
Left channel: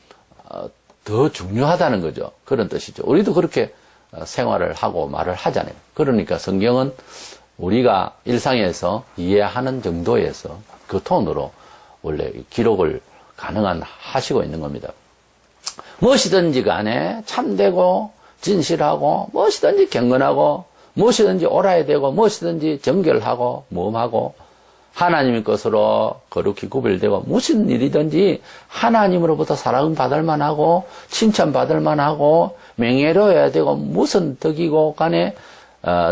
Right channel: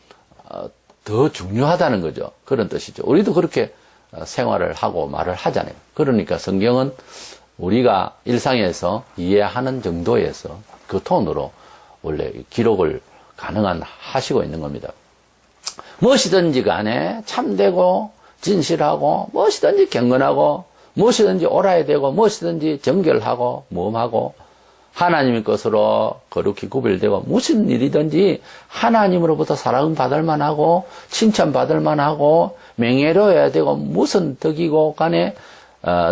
더 중요하다는 거죠. 그런 뜻이죠. 우리도 그렇게 생활을 하고 말을 하잖아요. 그러니까 성경은 우리가 일상에서 이해하는 정도에서 그 톤으로 원래 기록을 하시고 있는 겁니다. 무엇이든지 간에 참되고 진실하고 무엇이든지 경건하고 무엇이든지 옳아야 되고 무엇이든지 정결하고 모험하고 하나님의 것으로 거룩히 구별되고 무슨 일이든지 하나님으로부터 사랑받을 만하고 칭찬받을 만하고 명예로워야 되고 무슨 덕이고 간에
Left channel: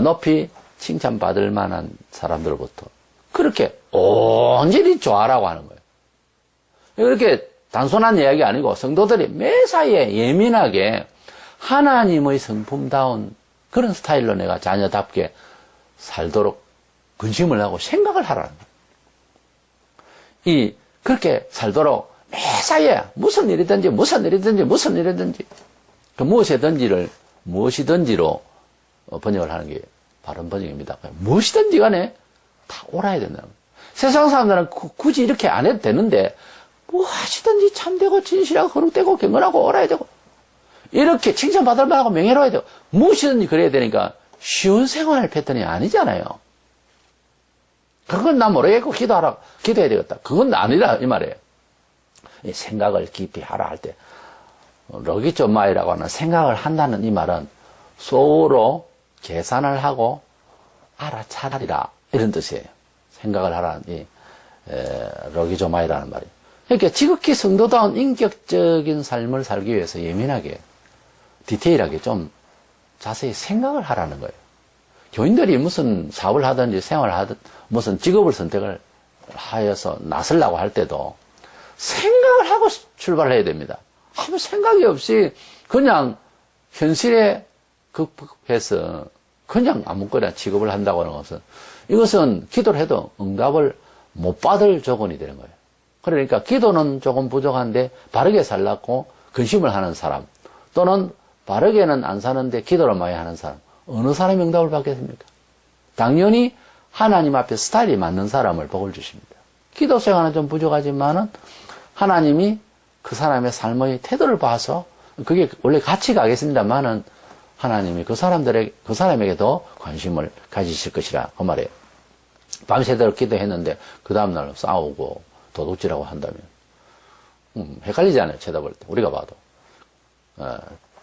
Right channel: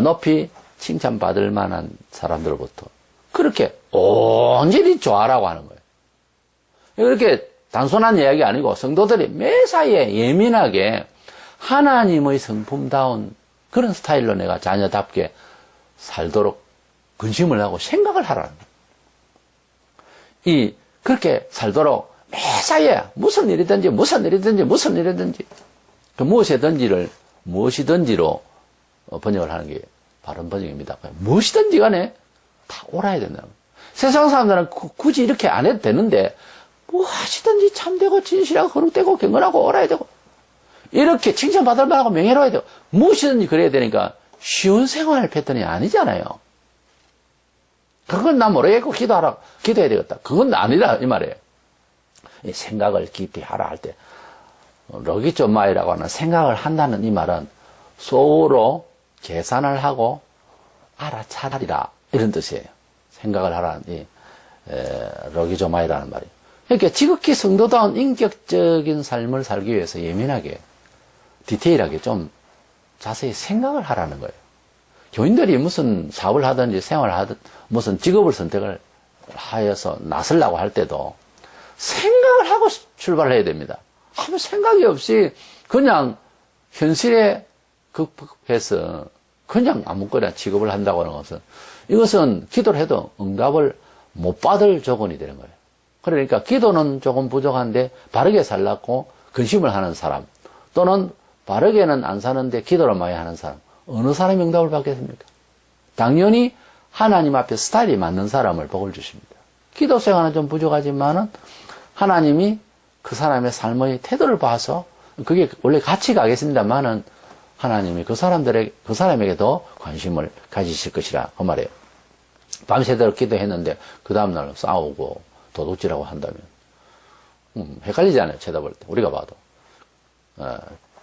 높이 칭찬받을 만한 사람들로부터 그렇게 온전히 좋아라고 하는 거예요. 이렇게 단순한 이야기 아니고 성도들이 매사에 예민하게 하나님의 성품다운 그런 스타일로 내가 자녀답게 살도록 근심을 하고 생각을 하라는 거예요. 그렇게 살도록 매사에 무슨 일이든지 그 무엇이든지로 번역을 하는 게 바른 번역입니다. 무엇이든지 간에 다 옳아야 된다는 거예요. 세상 사람들은 굳이 이렇게 안 해도 되는데 무엇이든지 참되고 진실하고 거룩되고 경건하고 옳아야 되고 이렇게 칭찬받을 만하고 명예로워야 되고 무엇이든지 그래야 되니까 쉬운 생활 패턴이 아니잖아요. 그건 나 모르겠고 기도해야 되겠다. 그건 아니라 이 말이에요. 이 생각을 깊이 하라 할 때 로기조마이라고 하는 생각을 한다는 이 말은 소우로 계산을 하고 알아차리라 이런 뜻이에요. 생각을 하라는 이 로기조마이라는 말이. 그러니까 지극히 성도다운 인격적인 삶을 살기 위해서 예민하게 디테일하게 좀 자세히 생각을 하라는 거예요. 교인들이 무슨 사업을 하든지 생활을 하든 무슨 직업을 선택을 하여서 나서려고 할 때도 생각을 하고 출발을 해야 됩니다. 아무 생각이 없이 그냥 현실에 극복해서 그냥 아무거나 직업을 한다고 하는 것은 이것은 기도를 해도 응답을 못 받을 조건이 되는 거예요. 그러니까 기도는 조금 부족한데 바르게 살라고 근심을 하는 사람 또는 바르게는 안 사는데 기도를 많이 하는 사람 어느 사람이 응답을 받겠습니까? 당연히 하나님 앞에 스타일이 맞는 사람을 복을 주십니다. 기도 생활은 좀 부족하지만은 하나님이 그 사람의 삶의 태도를 봐서 그게 원래 같이 가겠습니다만은 하나님이 그 사람에게 더 관심을 가지실 것이라 그 말이에요. 밤새도록 기도했는데 그 다음날 싸우고 도둑질하고 한다면 헷갈리잖아요. 쳐다볼 때 우리가 봐도.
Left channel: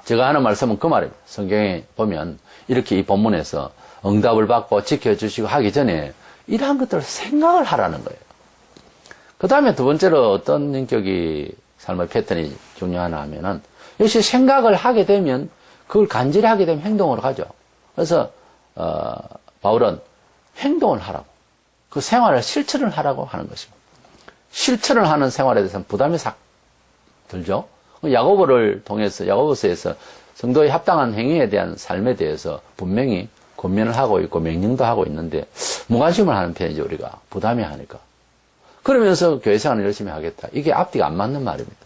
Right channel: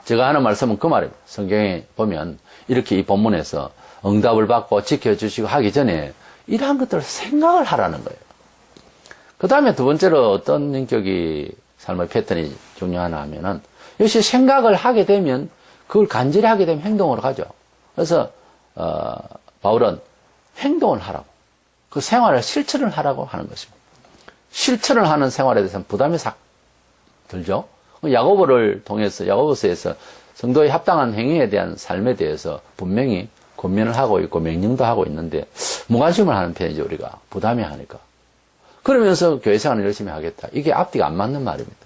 제가 하는 말씀은 그 말입니다. 성경에 보면 이렇게 이 본문에서 응답을 받고 지켜주시고 하기 전에 이러한 것들을 생각을 하라는 거예요. 그 다음에 두 번째로 어떤 인격이 삶의 패턴이 중요하나 하면은 역시 생각을 하게 되면 그걸 간절히 하게 되면 행동으로 가죠. 그래서 바울은 행동을 하라고 그 생활을 실천을 하라고 하는 것입니다. 실천을 하는 생활에 대해서는 부담이 싹 들죠. 야고보를 통해서 야고보서에서 성도의 합당한 행위에 대한 삶에 대해서 분명히 권면을 하고 있고 명령도 하고 있는데 무관심을 하는 편이죠. 우리가 부담이 하니까. 그러면서 교회 생활을 열심히 하겠다. 이게 앞뒤가 안 맞는 말입니다.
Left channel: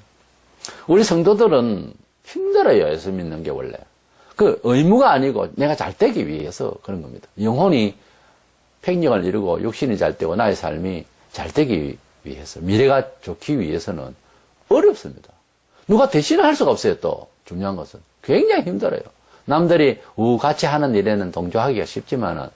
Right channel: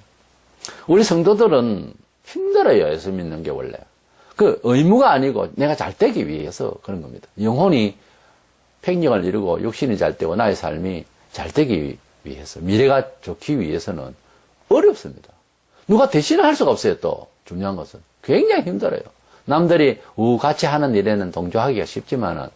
우리 성도들은 힘들어요. 예수 믿는 게 원래. 그 의무가 아니고 내가 잘 되기 위해서 그런 겁니다. 영혼이 팽령을 이루고 육신이 잘 되고 나의 삶이 잘 되기 위해서 미래가 좋기 위해서는 어렵습니다. 누가 대신할 수가 없어요. 또 중요한 것은 굉장히 힘들어요. 남들이 같이 하는 일에는 동조하기가 쉽지만은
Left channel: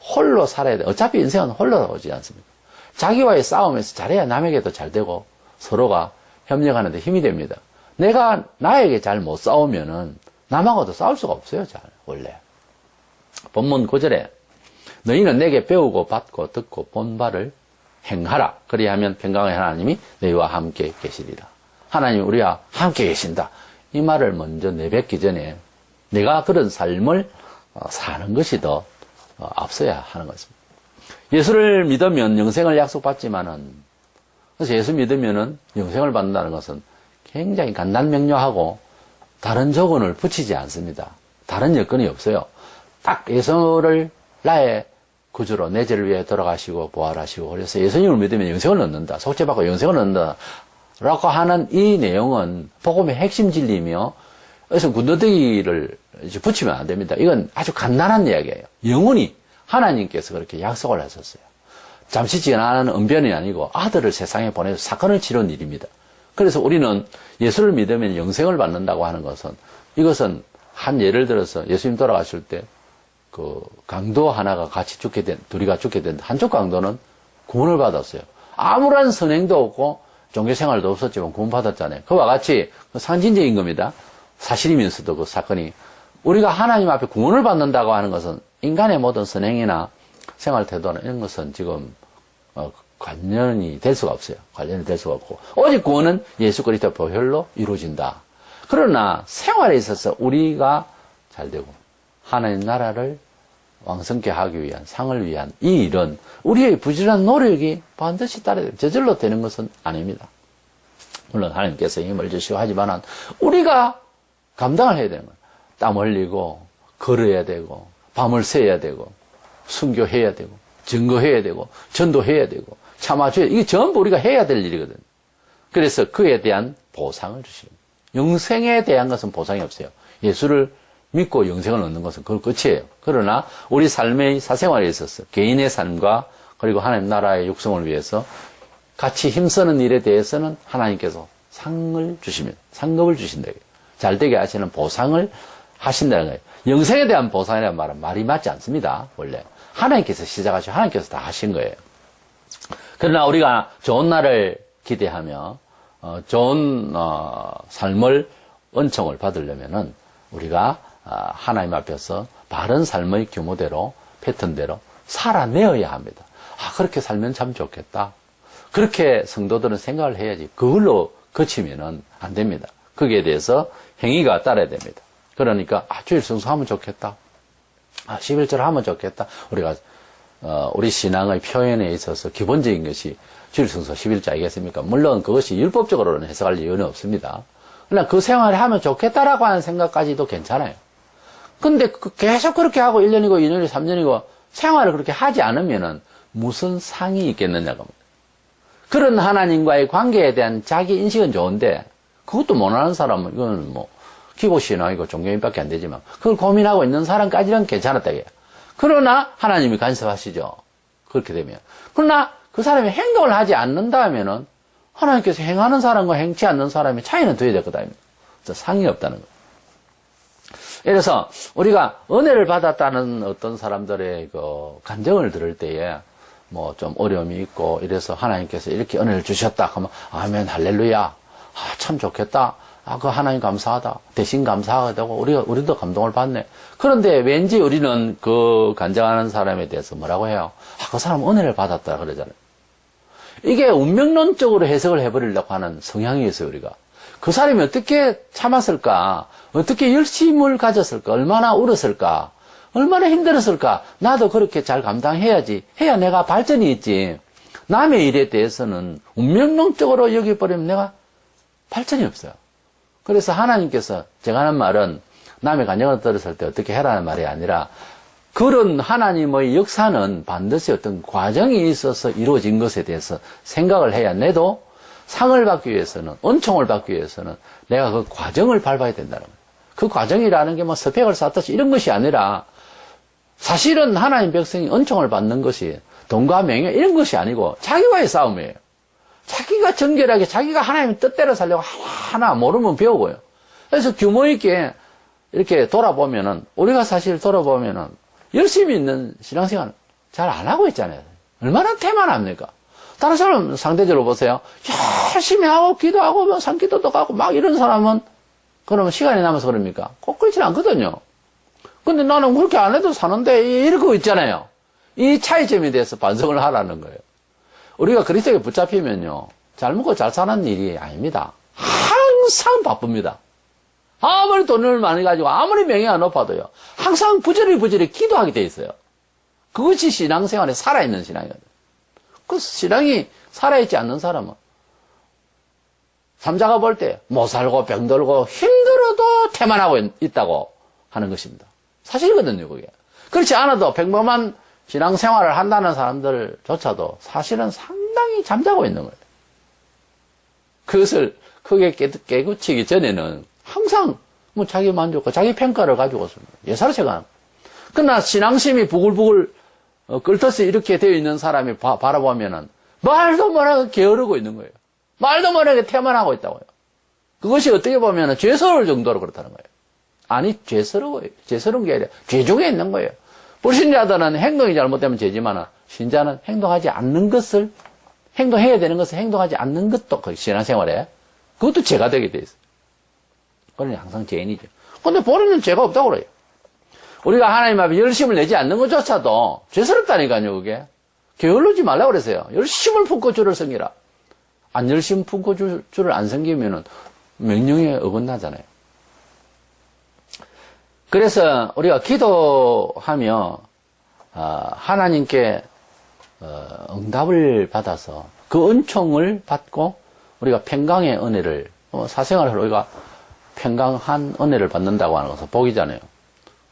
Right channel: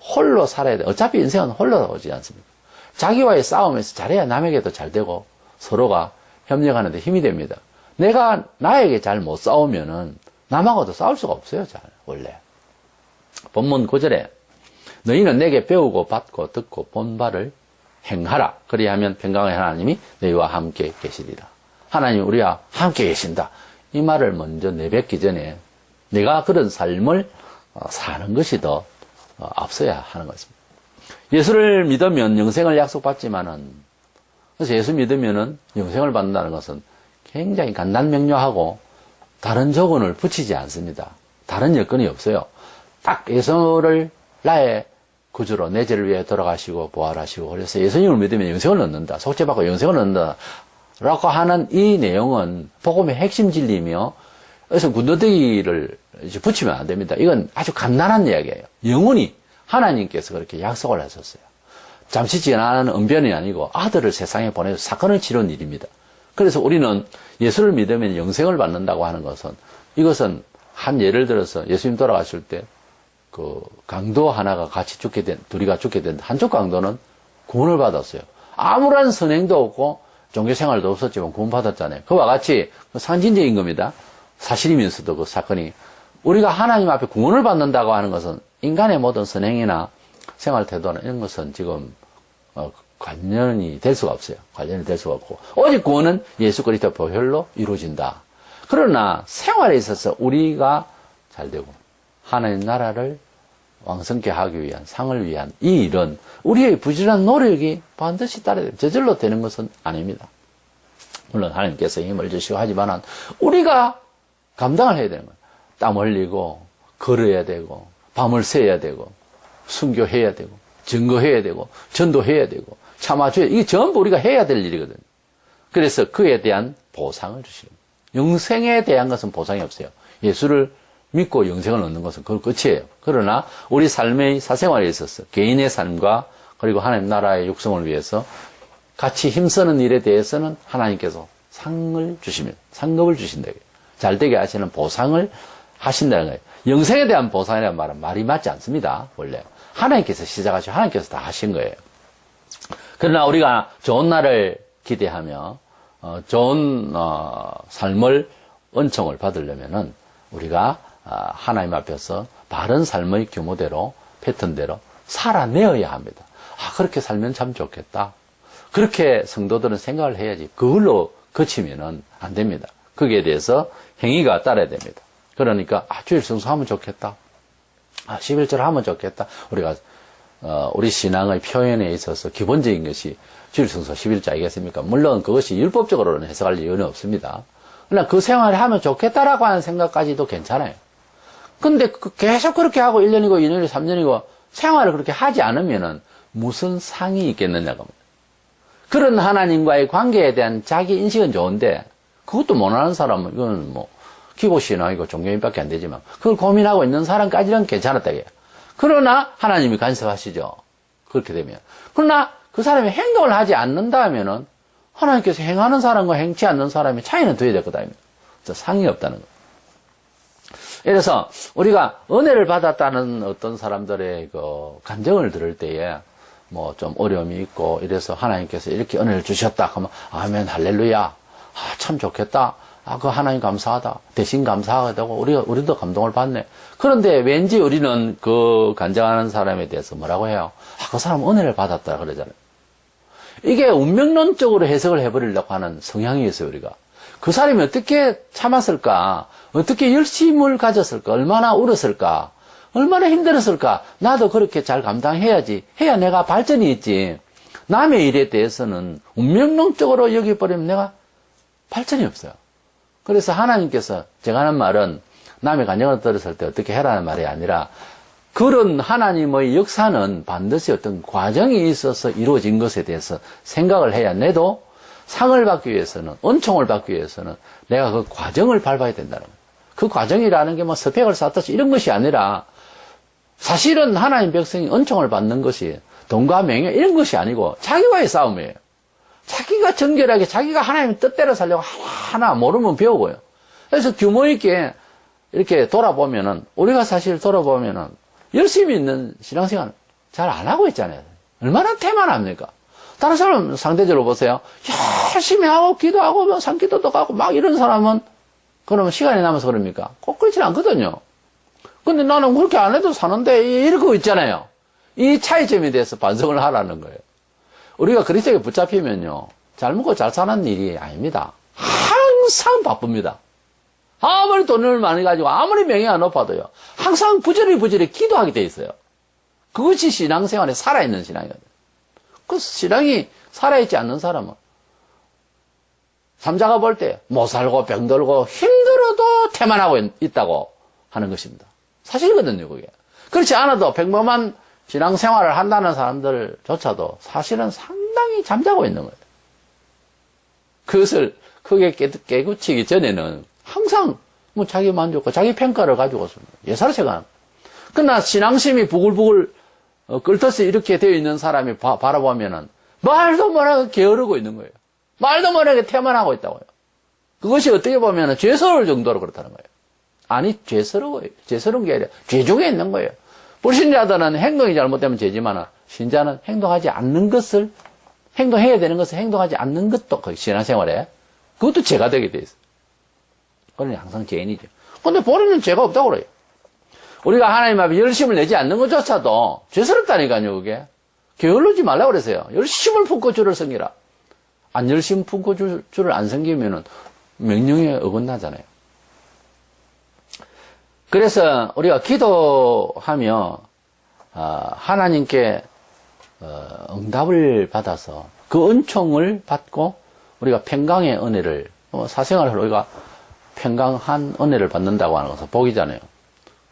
홀로 살아야 돼. 어차피 인생은 홀로 오지 않습니까? 자기와의 싸움에서 잘해야 남에게도 잘 되고 서로가 협력하는 데 힘이 됩니다. 내가 나에게 잘 못 싸우면은 남하고도 싸울 수가 없어요. 잘 원래. 본문 9절에 너희는 내게 배우고 받고 듣고 본 바를 행하라. 그리하면 평강의 하나님이 너희와 함께 계시리라. 하나님이 우리와 함께 계신다. 이 말을 먼저 내뱉기 전에 내가 그런 삶을 사는 것이 더 앞서야 하는 것입니다. 예수를 믿으면 영생을 약속받지만은 그래서 예수 믿으면은 영생을 받는다는 것은 굉장히 간단명료하고 다른 조건을 붙이지 않습니다. 다른 여건이 없어요. 딱 예수를 나의 구주로 내 죄를 위해 돌아가시고 부활하시고 그래서 예수님을 믿으면 영생을 얻는다. 속죄받고 영생을 얻는다. 라고 하는 이 내용은 복음의 핵심 진리이며 그래서 군더더기를 붙이면 안 됩니다. 이건 아주 간단한 이야기예요. 영원히 하나님께서 그렇게 약속을 하셨어요. 잠시 지나는 언변이 아니고 아들을 세상에 보내서 사건을 치른 일입니다. 그래서 우리는 예수를 믿으면 영생을 받는다고 하는 것은 이것은 한 예를 들어서 예수님 돌아가실 때 그 강도 하나가 같이 둘이가 죽게 된 한쪽 강도는 구원을 받았어요. 아무런 선행도 없고 종교생활도 없었지만 구원받았잖아요. 그와 같이 상징적인 겁니다. 사실이면서도 그 사건이 우리가 하나님 앞에 구원을 받는다고 하는 것은 인간의 모든 선행이나 생활 태도나 이런 것은 지금 관련이 될 수가 없어요. 관련이 될 수가 없고 오직 구원은 예수 그리스도 보혈로 이루어진다. 그러나 생활에 있어서 우리가 잘 되고 하나님 나라를 왕성케 하기 위한 상을 위한 이 일은 우리의 부지런한 노력이 반드시 따라야 돼요. 저절로 되는 것은 아닙니다. 물론 하나님께서 힘을 주시고 하지만 우리가 감당을 해야 되는 거예요. 땀 흘리고 걸어야 되고 밤을 새야 되고 순교해야 되고 증거해야 되고 전도해야 되고 참아줘야 이게 전부 우리가 해야 될 일이거든요. 그래서 그에 대한 보상을 주십니다. 영생에 대한 것은 보상이 없어요. 예수를 믿고 영생을 얻는 것은 그걸 끝이에요. 그러나 우리 삶의 사생활에 있어서 개인의 삶과 그리고 하나님 나라의 육성을 위해서 같이 힘쓰는 일에 대해서는 하나님께서 상을 주시면 상급을 주신다. 잘 되게 하시는 보상을 하신다는 거예요. 영생에 대한 보상이라는 말은 말이 맞지 않습니다. 원래 하나님께서 시작하시고 하나님께서 다 하신 거예요. 그러나 우리가 좋은 날을 기대하며 좋은 삶을 은총을 받으려면은 우리가 하나님 앞에서 바른 삶의 규모대로 패턴대로 살아내어야 합니다. 그렇게 살면 참 좋겠다. 그렇게 성도들은 생각을 해야지 그걸로 그치면은 안 됩니다. 거기에 대해서 행위가 따라야 됩니다. 그러니까 주일 성수하면 좋겠다. 11절 하면 좋겠다. 우리가 우리 신앙의 표현에 있어서 기본적인 것이 주일 성수 11절 아니겠습니까? 물론 그것이 율법적으로는 해석할 이유는 없습니다. 그러나 그 생활을 하면 좋겠다라고 하는 생각까지도 괜찮아요. 근데 계속 그렇게 하고 1년이고 2년이고 3년이고 생활을 그렇게 하지 않으면은 무슨 상이 있겠느냐고 합니다. 그런 하나님과의 관계에 대한 자기 인식은 좋은데 그것도 못하는 사람은 이건 뭐 기고신앙이고 종교인밖에 안 되지만 그걸 고민하고 있는 사람까지는 괜찮았다 이게요. 그러나 하나님이 간섭하시죠. 그렇게 되면. 그러나 그 사람이 행동을 하지 않는다 하면은 하나님께서 행하는 사람과 행치 않는 사람이 차이는 둬야 될 거다. 상이 없다는 거. 그래서 우리가 은혜를 받았다는 어떤 사람들의 그 간증을 들을 때에 뭐 좀 어려움이 있고 이래서 하나님께서 이렇게 은혜를 주셨다 하면 아멘 할렐루야. 참 좋겠다. 그 하나님 감사하다. 대신 감사하게 되고 우리도 감동을 받네. 그런데 왠지 우리는 그 간증하는 사람에 대해서 뭐라고 해요? 그 사람 은혜를 받았다 그러잖아요. 이게 운명론적으로 해석을 해버리려고 하는 성향이 있어요, 우리가. 그 사람이 어떻게 참았을까? 어떻게 열심을 가졌을까? 얼마나 울었을까? 얼마나 힘들었을까? 나도 그렇게 잘 감당해야지. 해야 내가 발전이 있지. 남의 일에 대해서는 운명론적으로 여기버리면 내가 발전이 없어요. 그래서 하나님께서 제가 하는 말은 남의 간증을 들었을 때 어떻게 해라는 말이 아니라 그런 하나님의 역사는 반드시 어떤 과정이 있어서 이루어진 것에 대해서 생각을 해야 내도 상을 받기 위해서는, 은총을 받기 위해서는 내가 그 과정을 밟아야 된다는 거예요. 그 과정이라는 게 뭐 스펙을 쌓듯이 이런 것이 아니라 사실은 하나님 백성이 은총을 받는 것이 돈과 명예 이런 것이 아니고 자기와의 싸움이에요. 자기가 정결하게 자기가 하나님의 뜻대로 살려고 하나 모르면 배우고요. 그래서 규모 있게 이렇게 돌아보면은 우리가 사실 돌아보면은 열심히 있는 신앙생활 잘 안 하고 있잖아요. 얼마나 태만합니까? 다른 사람 상대적으로 보세요. 열심히 하고 기도하고 뭐 산기도도 가고 막 이런 사람은 그러면 시간이 남아서 그럽니까? 꼭 그렇지 않거든요. 근데 나는 그렇게 안 해도 사는데 이러고 있잖아요. 이 차이점에 대해서 반성을 하라는 거예요. 우리가 그리스도에 붙잡히면요. 잘 먹고 잘 사는 일이 아닙니다. 항상 바쁩니다. 아무리 돈을 많이 가지고 아무리 명예가 높아도요. 항상 부지런히 기도하게 돼 있어요. 그것이 신앙생활에 살아있는 신앙이거든요. 그 신앙이 살아있지 않는 사람은 삼자가 볼 때 못 살고 병들고 힘들어도 태만하고 있다고 하는 것입니다. 사실이거든요, 그게. 그렇지 않아도 평범한 신앙생활을 한다는 사람들조차도 사실은 상당히 잠자고 있는 거예요. 그것을 크게 깨우치기 전에는 항상 뭐 자기 만족과 자기 평가를 가지고 있습니다. 예사시간. 그러나 신앙심이 부글부글 끓듯이 이렇게 되어 있는 사람이 바라보면은 말도 못하게 게으르고 있는 거예요. 말도 못하게 태만하고 있다고요. 그것이 어떻게 보면은 죄스러울 정도로 그렇다는 거예요. 아니, 죄스러워요. 죄스러운 게 아니라 죄 중에 있는 거예요. 불신자들은 행동이 잘못되면 죄지만 신자는 행동하지 않는 것을 행동해야 되는 것을 행동하지 않는 것도 그 신앙생활에 그것도 죄가 되게 돼 있어요. 그러니 항상 죄인이죠. 근데 본인은 죄가 없다고 그래요. 우리가 하나님 앞에 열심을 내지 않는 것조차도 죄스럽다니까요, 그게. 게을르지 말라고 그랬어요. 열심을 품고 주를 섬기라. 안 열심 품고 주를 안 섬기면은 명령에 어긋나잖아요. 그래서 우리가 기도하며 하나님께 응답을 받아서 그 은총을 받고 우리가 평강의 은혜를 사생활을 우리가 평강한 은혜를 받는다고 하는 것은 복이잖아요.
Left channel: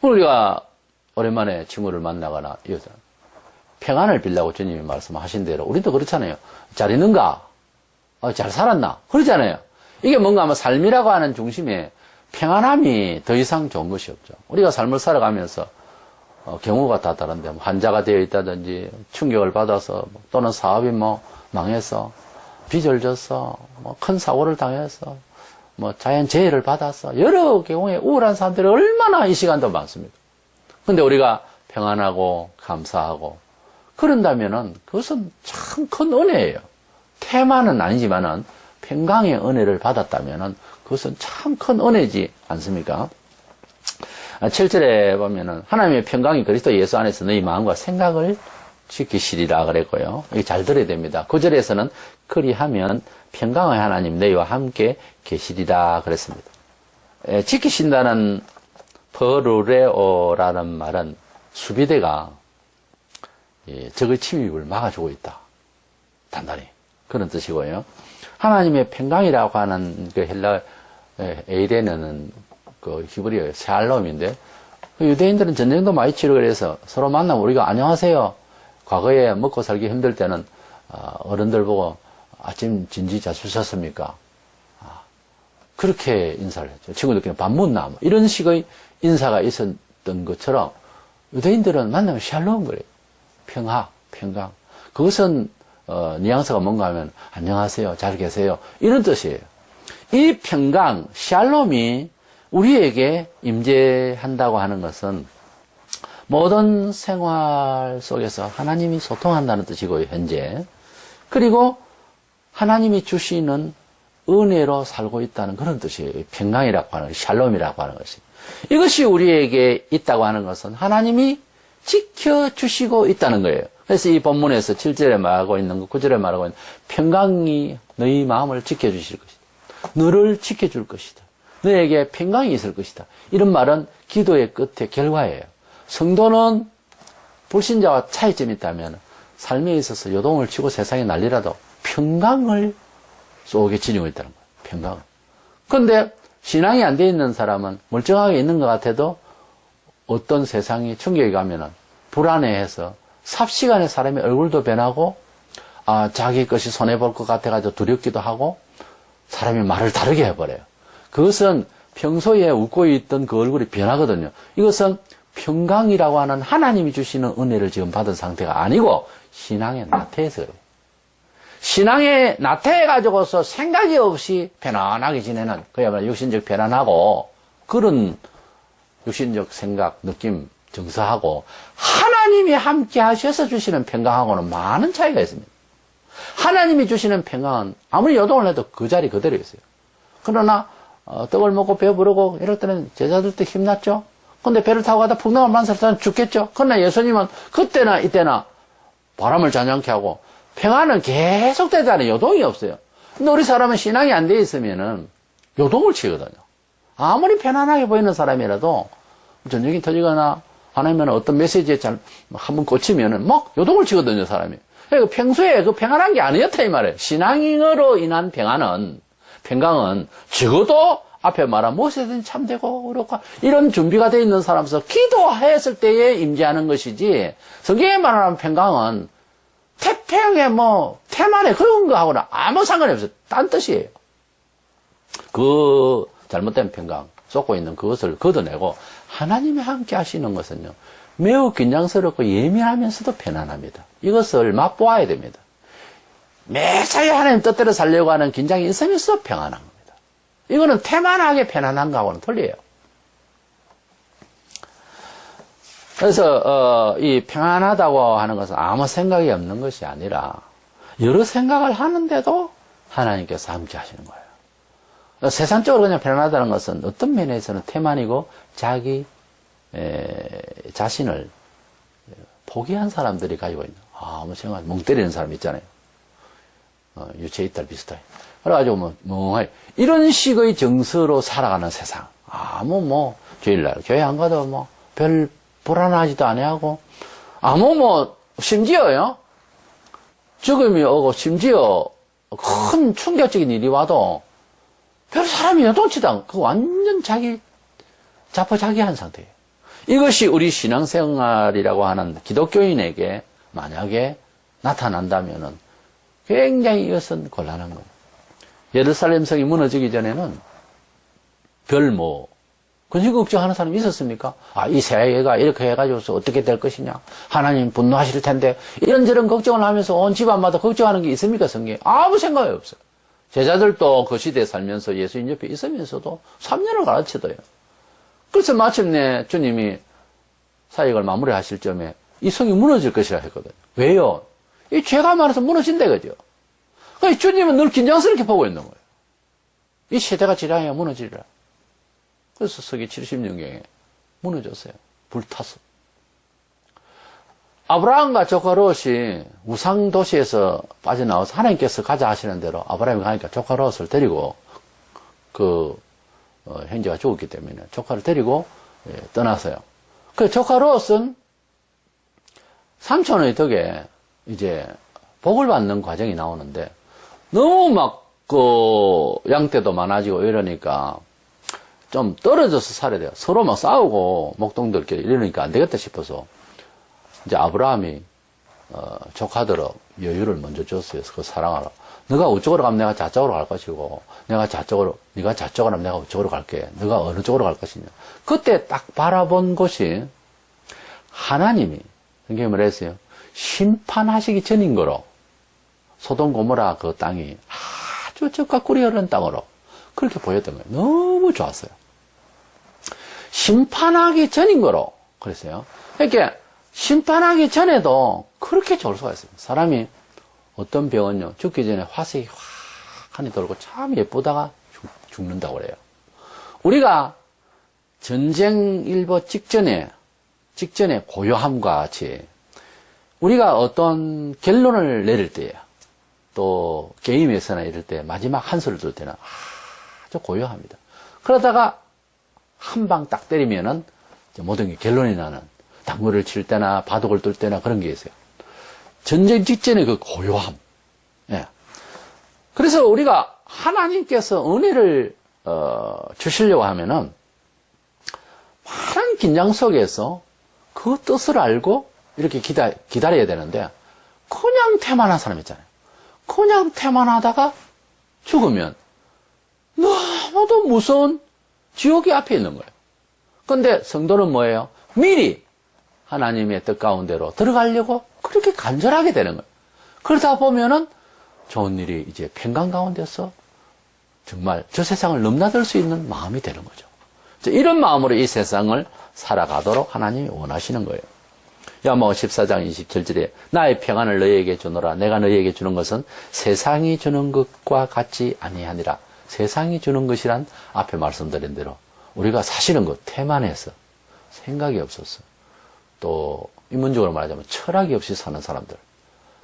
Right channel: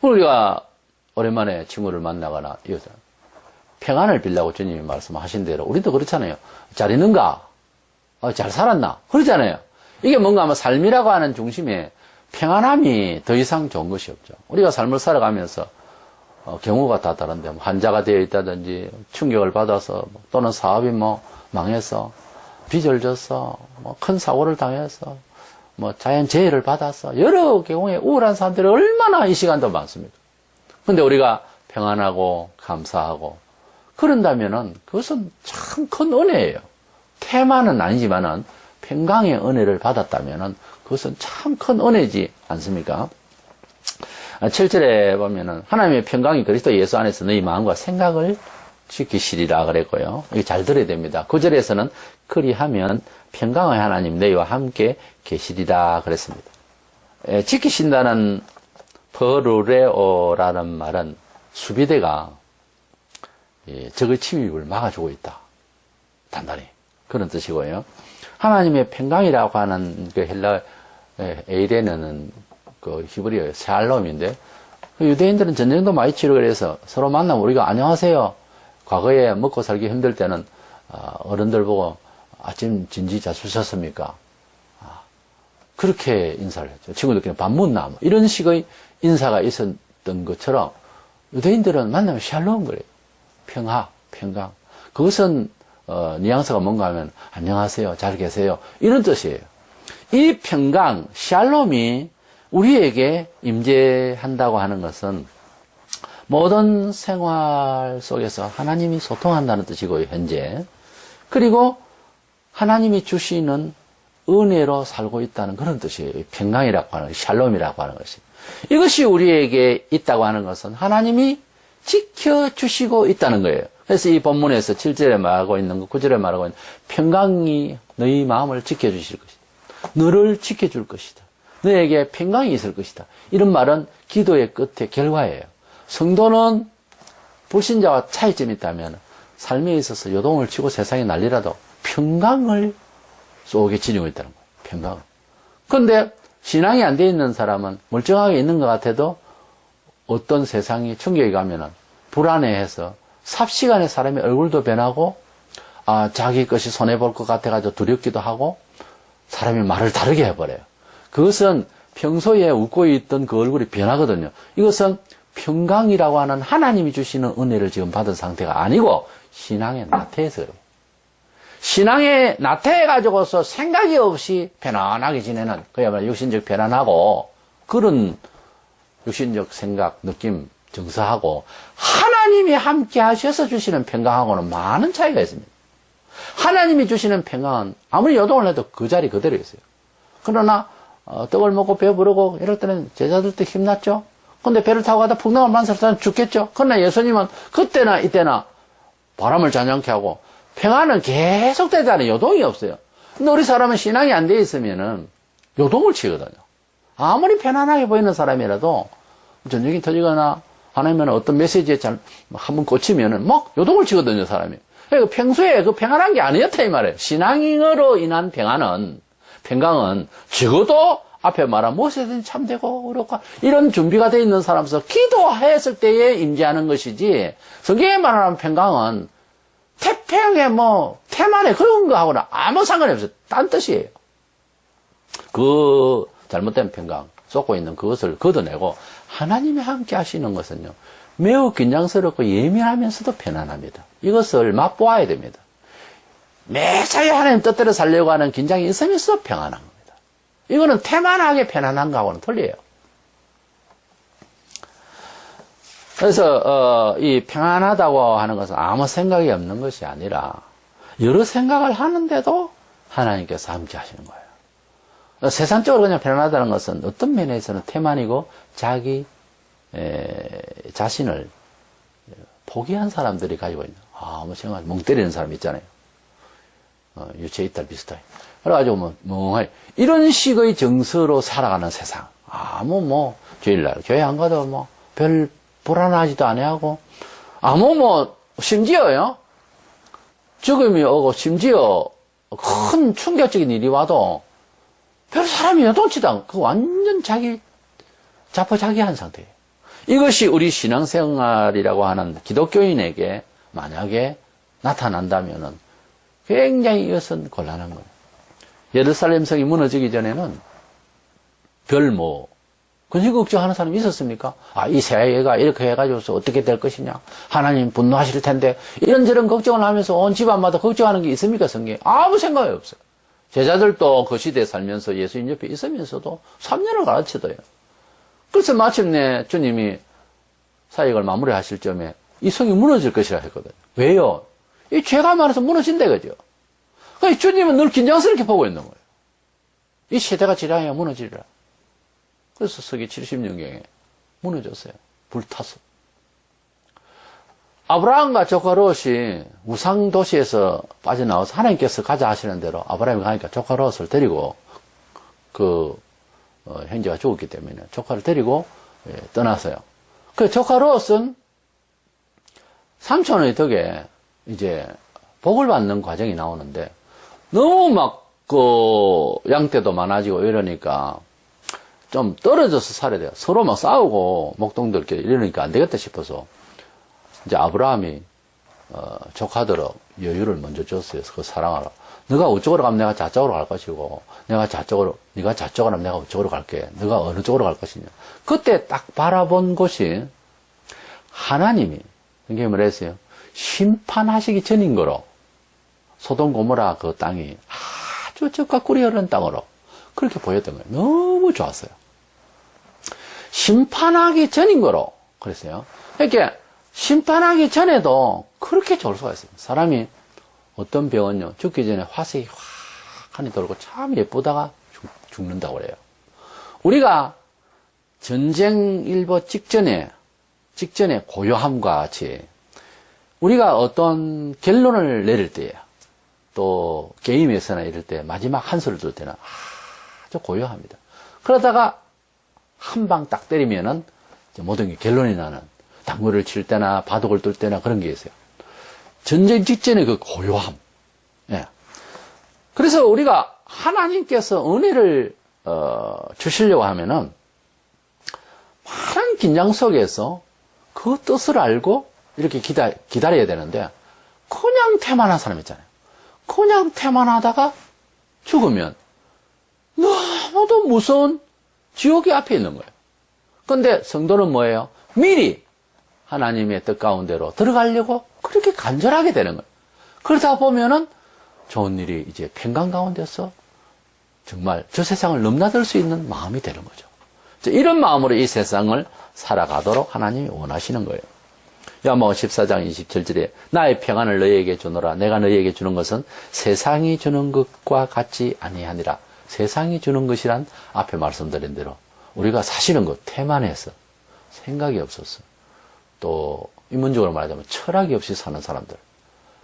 우리가 오랜만에 친구를 만나거나 이러자 평안을 빌라고 주님이 말씀하신 대로 우리도 그렇잖아요. 잘 있는가? 잘 살았나? 그러잖아요. 이게 뭔가 아마 삶이라고 하는 중심에 평안함이 더 이상 좋은 것이 없죠. 우리가 삶을 살아가면서 경우가 다 다른데 환자가 되어 있다든지 충격을 받아서 또는 사업이 망해서 빚을 져서 큰 사고를 당해서 자연재해를 받아서 여러 경우에 우울한 사람들이 얼마나 이 시간도 많습니다. 근데 우리가 평안하고 감사하고 그런다면은 그것은 참 큰 은혜예요. 태만은 아니지만은 평강의 은혜를 받았다면은 그것은 참 큰 은혜지 않습니까? 7절에 보면은 하나님의 평강이 그리스도 예수 안에서 너희 마음과 생각을 지키시리라 그랬고요. 이게 잘 들어야 됩니다. 9절에서는 그리하면 평강의 하나님 너희와 함께 계시리라 그랬습니다. 지키신다는 버루레오라는 말은 수비대가 적의 침입을 막아주고 있다. 단단히 그런 뜻이고요. 하나님의 평강이라고 하는 그 헬라 에이레는 그 히브리어 샬롬인데 유대인들은 전쟁도 많이 치르고 그래서 서로 만나면 우리가 안녕하세요. 과거에 먹고 살기 힘들 때는 어른들 보고 아침 진지 잘 주셨습니까? 그렇게 인사를 했죠. 친구들끼리 밥 묻나 뭐 이런 식의 인사가 있었던 것처럼 유대인들은 만나면 샬롬 그래요. 평화, 평강. 그것은 뉘앙스가 뭔가 하면 안녕하세요, 잘 계세요 이런 뜻이에요. 이 평강, 샬롬이 우리에게 임재한다고 하는 것은 모든 생활 속에서 하나님이 소통한다는 뜻이고요, 현재. 그리고 하나님이 주시는 은혜로 살고 있다는 그런 뜻이에요. 평강이라고 하는 것이, 샬롬이라고 하는 것이. 이것이 우리에게 있다고 하는 것은 하나님이 지켜주시고 있다는 거예요. 그래서 이 본문에서 7절에 말하고 있는 거, 9절에 말하고 있는 평강이 너희 마음을 지켜주실 것이다. 너를 지켜줄 것이다. 너에게 평강이 있을 것이다. 이런 말은 기도의 끝의 결과예요. 성도는 불신자와 차이점이 있다면 삶에 있어서 요동을 치고 세상에 난리라도 평강을 속에 지니고 있다는 거예요. 평강. 그런데 신앙이 안 돼 있는 사람은 멀쩡하게 있는 것 같아도 어떤 세상이 충격이 가면은 불안해해서 삽시간에 사람의 얼굴도 변하고 자기 것이 손해볼 것 같아가지고 두렵기도 하고 사람이 말을 다르게 해버려요. 그것은 평소에 웃고 있던 그 얼굴이 변하거든요. 이것은 평강이라고 하는 하나님이 주시는 은혜를 지금 받은 상태가 아니고 신앙의 나태해서 그래요. 신앙에 나태해가지고서 생각이 없이 편안하게 지내는 그야말로 육신적 편안하고 그런 육신적 생각, 느낌, 정서하고 하나님이 함께 하셔서 주시는 평강하고는 많은 차이가 있습니다. 하나님이 주시는 평강은 아무리 요동을 해도 그 자리 그대로 있어요. 그러나 떡을 먹고 배부르고 이럴 때는 제자들도 힘났죠. 근데 배를 타고 가다 풍랑을 만났을 죽겠죠. 그러나 예수님은 그때나 이때나 바람을 잔잔케 하고 평안은 계속 되잖아요. 요동이 없어요. 근데 우리 사람은 신앙이 안 돼 있으면은 요동을 치거든요. 아무리 편안하게 보이는 사람이라도 전쟁이 터지거나 하나님은 어떤 메시지에 한번 꽂히면은 막 요동을 치거든요, 사람이. 그러니까 평소에 그 평안한 게 아니었다 이 말이에요. 신앙으로 인한 평강은 적어도 앞에 말한 무엇이든 참되고 그렇고 이런 준비가 되어 있는 사람으로서 기도했을 때에 임재하는 것이지 성경에 말하는 평강은 태평에 태만에 그런 거하고는 아무 상관이 없어요. 딴 뜻이에요. 그 잘못된 평강 쏟고 있는 그것을 걷어내고 하나님이 함께 하시는 것은요 매우 긴장스럽고 예민하면서도 편안합니다. 이것을 맛보아야 됩니다. 매사에 하나님 뜻대로 살려고 하는 긴장이 있으면서 평안한 겁니다. 이거는 태만하게 편안한 거하고는 틀려요. 그래서 이 평안하다고 하는 것은 아무 생각이 없는 것이 아니라 여러 생각을 하는데도 하나님께서 함께 하시는 거예요. 세상적으로 그냥 편안하다는 것은 어떤 면에서는 태만이고 자기 자신을 포기한 사람들이 가지고 있는 아무 생각 멍 때리는 사람 있잖아요. 유체 이탈 비슷하게. 그래가지고 멍하게 이런 식의 정서로 살아가는 세상. 아무 주일날 교회 안 가도 별 불안하지도 아니하고 심지어요 죽음이 오고 심지어 큰 충격적인 일이 와도 별 사람이 요동치도 않고 그 완전 자포자기한 상태예요. 이것이 우리 신앙생활이라고 하는 기독교인에게 만약에 나타난다면은 굉장히 이것은 곤란한 거예요. 예루살렘 성이 무너지기 전에는 근심 걱정하는 사람이 있었습니까? 이 세계가 이렇게 해가지고서 어떻게 될 것이냐? 하나님 분노하실 텐데 이런저런 걱정을 하면서 온 집안마다 걱정하는 게 있습니까? 성경에 아무 생각이 없어요. 제자들도 그 시대에 살면서 예수님 옆에 있으면서도 3년을 가르치더요. 그래서 마침내 주님이 사역을 마무리하실 점에 이 성이 무너질 것이라 했거든요. 왜요? 이 죄가 많아서 무너진다 그죠? 그러니까 주님은 늘 긴장스럽게 보고 있는 거예요. 이 세대가 지량해야 무너지리라. 그래서 서기 70년경에 무너졌어요. 불타서. 아브라함과 조카 롯이 우상 도시에서 빠져나와서 하나님께서 가자 하시는 대로 아브라함이 가니까 조카 롯을 데리고 형제가 죽었기 때문에 조카를 데리고 떠났어요. 그 조카 롯은 삼촌의 덕에 이제 복을 받는 과정이 나오는데 너무 양떼도 많아지고 이러니까 좀 떨어져서 살아야 돼요. 서로 싸우고 목동들끼리 이러니까 안 되겠다 싶어서 이제 아브라함이 조카들은 여유를 먼저 줬어요. 그 사랑하러. 너가 우쪽으로 가면 내가 좌쪽으로 갈 것이고 네가 좌쪽으로 하면 내가 우쪽으로 갈게. 너가 어느 쪽으로 갈 것이냐. 그때 딱 바라본 곳이 하나님이 성경에 뭐라 했어요? 심판하시기 전인 거로 소돔 고모라 그 땅이 아주 젖과 꿀이 흐르는 땅으로 그렇게 보였던 거예요. 너무 좋았어요. 심판하기 전인 거로 그랬어요. 그러니까 심판하기 전에도 그렇게 좋을 수가 있어요. 사람이 어떤 병은요, 죽기 전에 화색이 확하니 돌고 참 예쁘다가 죽는다고 그래요. 우리가 전쟁 일보 직전에 고요함과 같이 우리가 어떤 결론을 내릴 때에 또 게임에서나 이럴 때 마지막 한수를 둘 때는 아주 고요합니다. 그러다가 한 방 딱 때리면은 모든 게 결론이 나는 당구를 칠 때나 바둑을 둘 때나 그런 게 있어요. 전쟁 직전의 그 고요함. 예. 그래서 우리가 하나님께서 은혜를 주시려고 하면은 많은 긴장 속에서 그 뜻을 알고 이렇게 기다려야 되는데 그냥 태만한 사람 있잖아요. 그냥 태만하다가 죽으면 너무도 무서운 지옥이 앞에 있는 거예요. 그런데 성도는 뭐예요? 미리 하나님의 뜻 가운데로 들어가려고 그렇게 간절하게 되는 거예요. 그러다 보면은 좋은 일이 이제 평강 가운데서 정말 저 세상을 넘나들 수 있는 마음이 되는 거죠. 이런 마음으로 이 세상을 살아가도록 하나님이 원하시는 거예요. 야고보서 14장 27절에 나의 평안을 너희에게 주노라. 내가 너희에게 주는 것은 세상이 주는 것과 같지 아니하니라. 세상이 주는 것이란 앞에 말씀드린 대로 우리가 사실은 그 태만해서 생각이 없었어. 또 인문적으로 말하자면 철학이 없이 사는 사람들.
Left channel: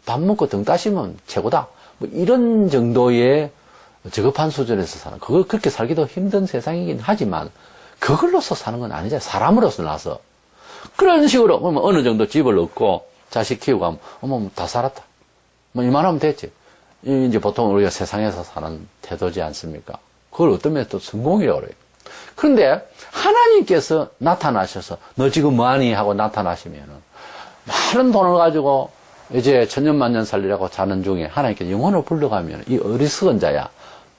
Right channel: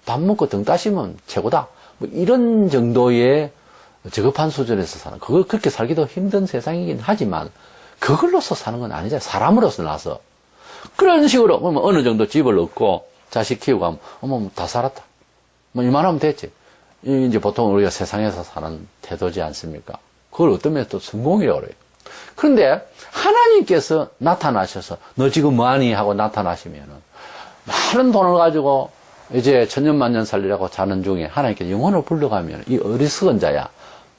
밥 먹고 등 따시면 최고다. 뭐 이런 정도의 저급한 수준에서 사는, 그거 그렇게 살기도 힘든 세상이긴 하지만 그걸로서 사는 건 아니잖아요. 사람으로서 나서. 그런 식으로, 그러면 어느 정도 집을 얻고 자식 키우고 하면, 어머, 다 살았다. 뭐 이만하면 됐지. 이제 보통 우리가 세상에서 사는 태도지 않습니까? 그걸 어떤 면에서 또 성공이라고 그래요. 그런데 하나님께서 나타나셔서 너 지금 뭐하니? 하고 나타나시면은 많은 돈을 가지고 이제 천년만년 살리라고 자는 중에 하나님께서 영혼을 불러가면 이 어리석은 자야,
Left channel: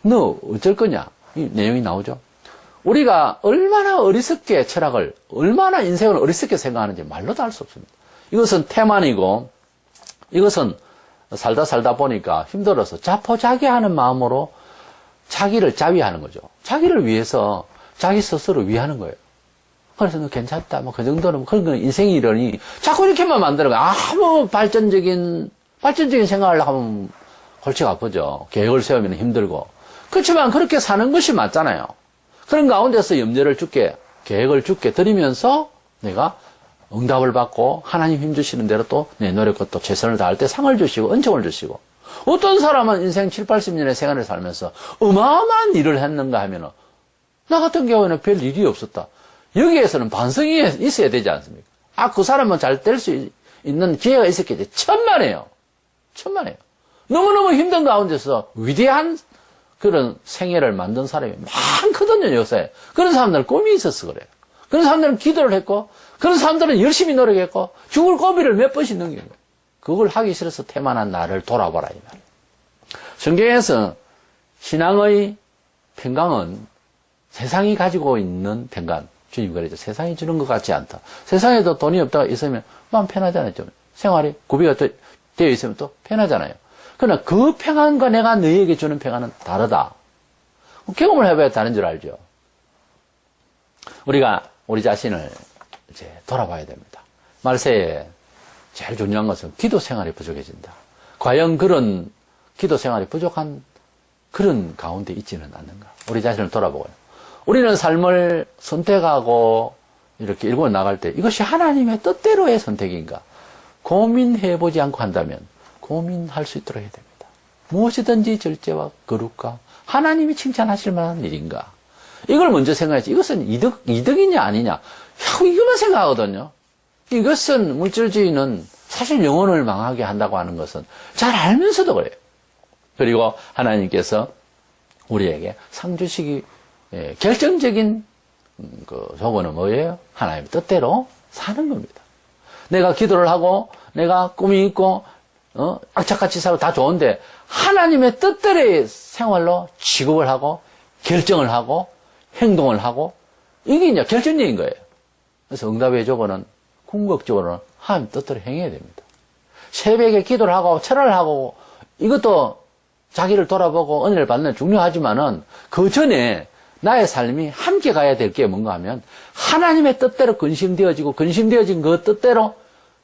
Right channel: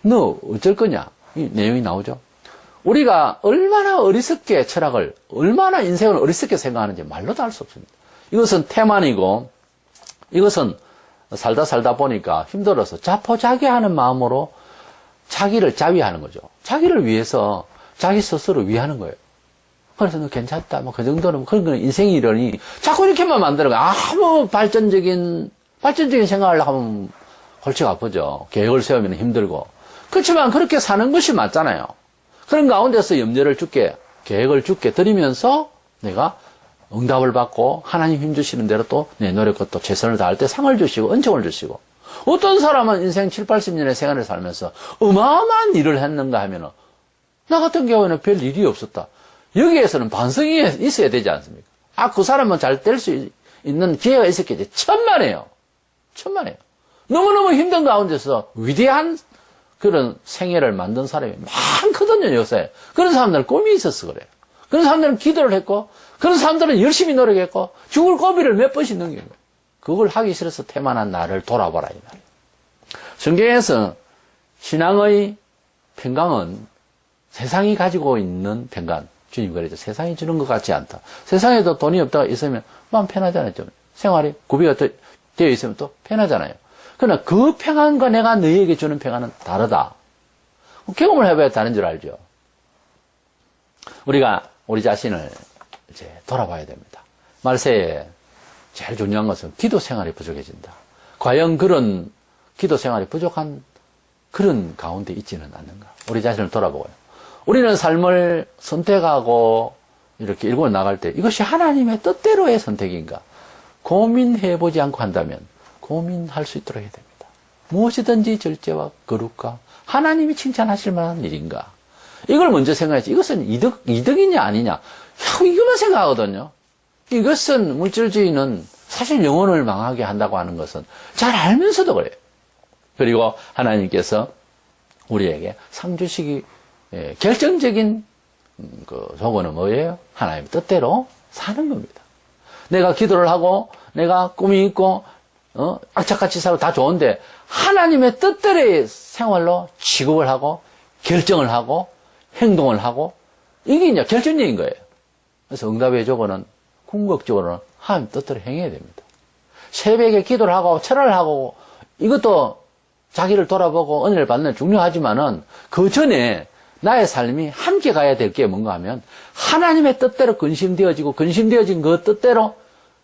너 어쩔 거냐? 이 내용이 나오죠. 우리가 얼마나 어리석게 철학을, 얼마나 인생을 어리석게 생각하는지 말로도 알 수 없습니다. 이것은 태만이고, 이것은 살다 보니까 힘들어서 자포자기하는 마음으로 자기를 자위하는 거죠. 자기를 위해서 자기 스스로 위하는 거예요. 그래서 너 괜찮다, 뭐 그 정도는, 그런 건 인생이 이러니 자꾸 이렇게만 만드는 거예요. 아무 발전적인 생각을 하면 골치가 아프죠. 계획을 세우면 힘들고. 그렇지만 그렇게 사는 것이 맞잖아요. 그런 가운데서 염려를 주께, 계획을 주께 드리면서 내가 응답을 받고 하나님 힘주시는 대로 또 내 노력과 또 최선을 다할 때 상을 주시고 은총을 주시고, 어떤 사람은 인생 7, 80년의 생활을 살면서 어마어마한 일을 했는가 하면은 나 같은 경우에는 별 일이 없었다. 여기에서는 반성이 있어야 되지 않습니까? 아, 그 사람은 잘 될 수 있는 기회가 있었겠지. 천만에요. 너무너무 힘든 가운데서 위대한 그런 생애를 만든 사람이 많거든요, 역사에. 그런 사람들은 꿈이 있어서 그래요. 그런 사람들은 기도를 했고, 그런 사람들은 열심히 노력했고, 죽을 고비를 몇 번씩 넘긴 거예요. 그걸 하기 싫어서 태만한 나를 돌아보라, 이 말이에요. 성경에서 신앙의 평강은 세상이 가지고 있는 평강, 주님 그러죠. 세상이 주는 것 같지 않다. 세상에도 돈이 없다가 있으면 마음 편하잖아요. 좀 생활이 구비가 되어 있으면 또 편하잖아요. 그러나 그 평안과 내가 너희에게 주는 평안은 다르다. 경험을 해봐야 다른 줄 알죠. 우리가 우리 자신을 이제 돌아봐야 됩니다. 말세에 제일 중요한 것은 기도 생활이 부족해진다. 과연 그런 기도 생활이 부족한 그런 가운데 있지는 않는가. 우리 자신을 돌아보고요. 우리는 삶을 선택하고 이렇게 일궈 나갈 때 이것이 하나님의 뜻대로의 선택인가 고민해보지 않고 한다면 고민할 수 있도록 해야 됩니다. 무엇이든지 절제와 거룩과 하나님이 칭찬하실 만한 일인가. 이걸 먼저 생각해야지. 이것은 이득이냐 아니냐. 이것만 생각하거든요. 이것은 물질주의는 사실 영혼을 망하게 한다고 하는 것은 잘 알면서도 그래요. 그리고 하나님께서 우리에게 상 주시기 결정적인 그 조건은 뭐예요? 하나님의 뜻대로 사는 겁니다. 내가 기도를 하고 내가 꿈이 있고 악착같이 살고 다 좋은데 하나님의 뜻대로의 생활로 취급을 하고 결정을 하고 행동을 하고 이게 이제 결정적인 거예요. 그래서 응답의 조건은 궁극적으로는 하나님 뜻대로 행해야 됩니다. 새벽에 기도를 하고 철을 하고 이것도 자기를 돌아보고 은혜를 받는 게 중요하지만은 그 전에 나의 삶이 함께 가야 될 게 뭔가 하면 하나님의 뜻대로 근심되어지고 근심되어진 그 뜻대로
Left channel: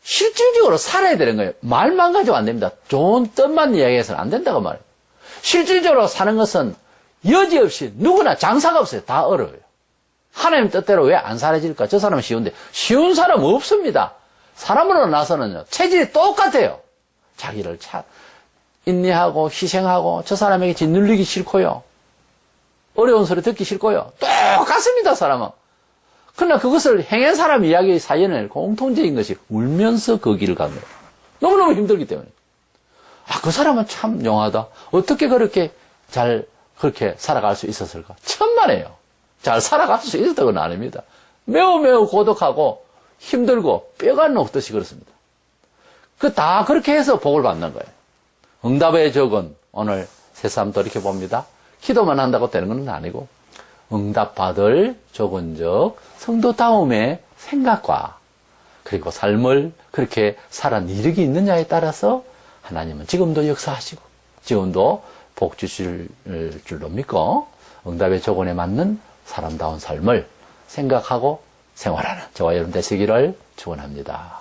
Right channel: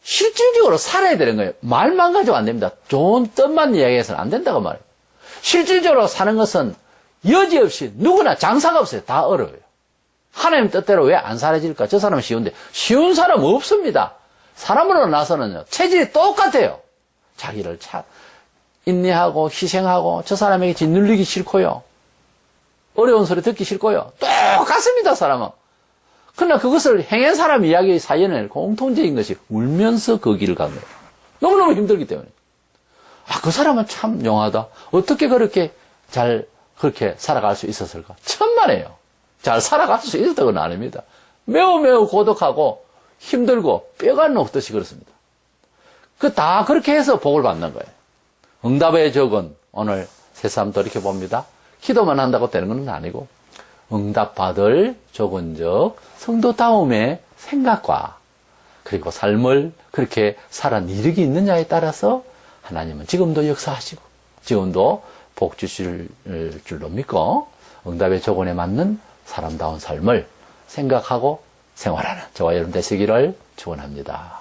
실질적으로 살아야 되는 거예요. 말만 가지고 안 됩니다. 좋은 뜻만 이야기해서는 안 된다고 말해요. 실질적으로 사는 것은 여지없이 누구나 장사가 없어요. 다 어려워요. 하나님 뜻대로 왜 안 살아질까? 저 사람은 쉬운데 쉬운 사람 없습니다. 사람으로 나서는요 체질이 똑같아요. 자기를 인내하고 희생하고 저 사람에게 짓눌리기 싫고요. 어려운 소리 듣기 싫고요. 똑같습니다, 사람은. 그러나 그것을 행한 사람 이야기의 사연은 공통적인 것이 울면서 그 길을 간 거예요. 너무너무 힘들기 때문에. 아, 그 사람은 참 용하다. 어떻게 그렇게 그렇게 살아갈 수 있었을까? 천만에요. 잘 살아갈 수 있었다고는 아닙니다. 매우 매우 고독하고 힘들고 뼈가 녹듯이 그렇습니다. 다 그렇게 해서 복을 받는 거예요. 응답의 적은 오늘 새삼 돌이켜봅니다. 기도만 한다고 되는 건 아니고 응답받을 적은적 성도다움의 생각과 그리고 삶을 그렇게 살아 이르기 있느냐에 따라서 하나님은 지금도 역사하시고 지금도 복 주실 줄로 믿고 응답의 조건에 맞는 사람다운 삶을 생각하고 생활하는 저와 여러분 되시기를 축원합니다.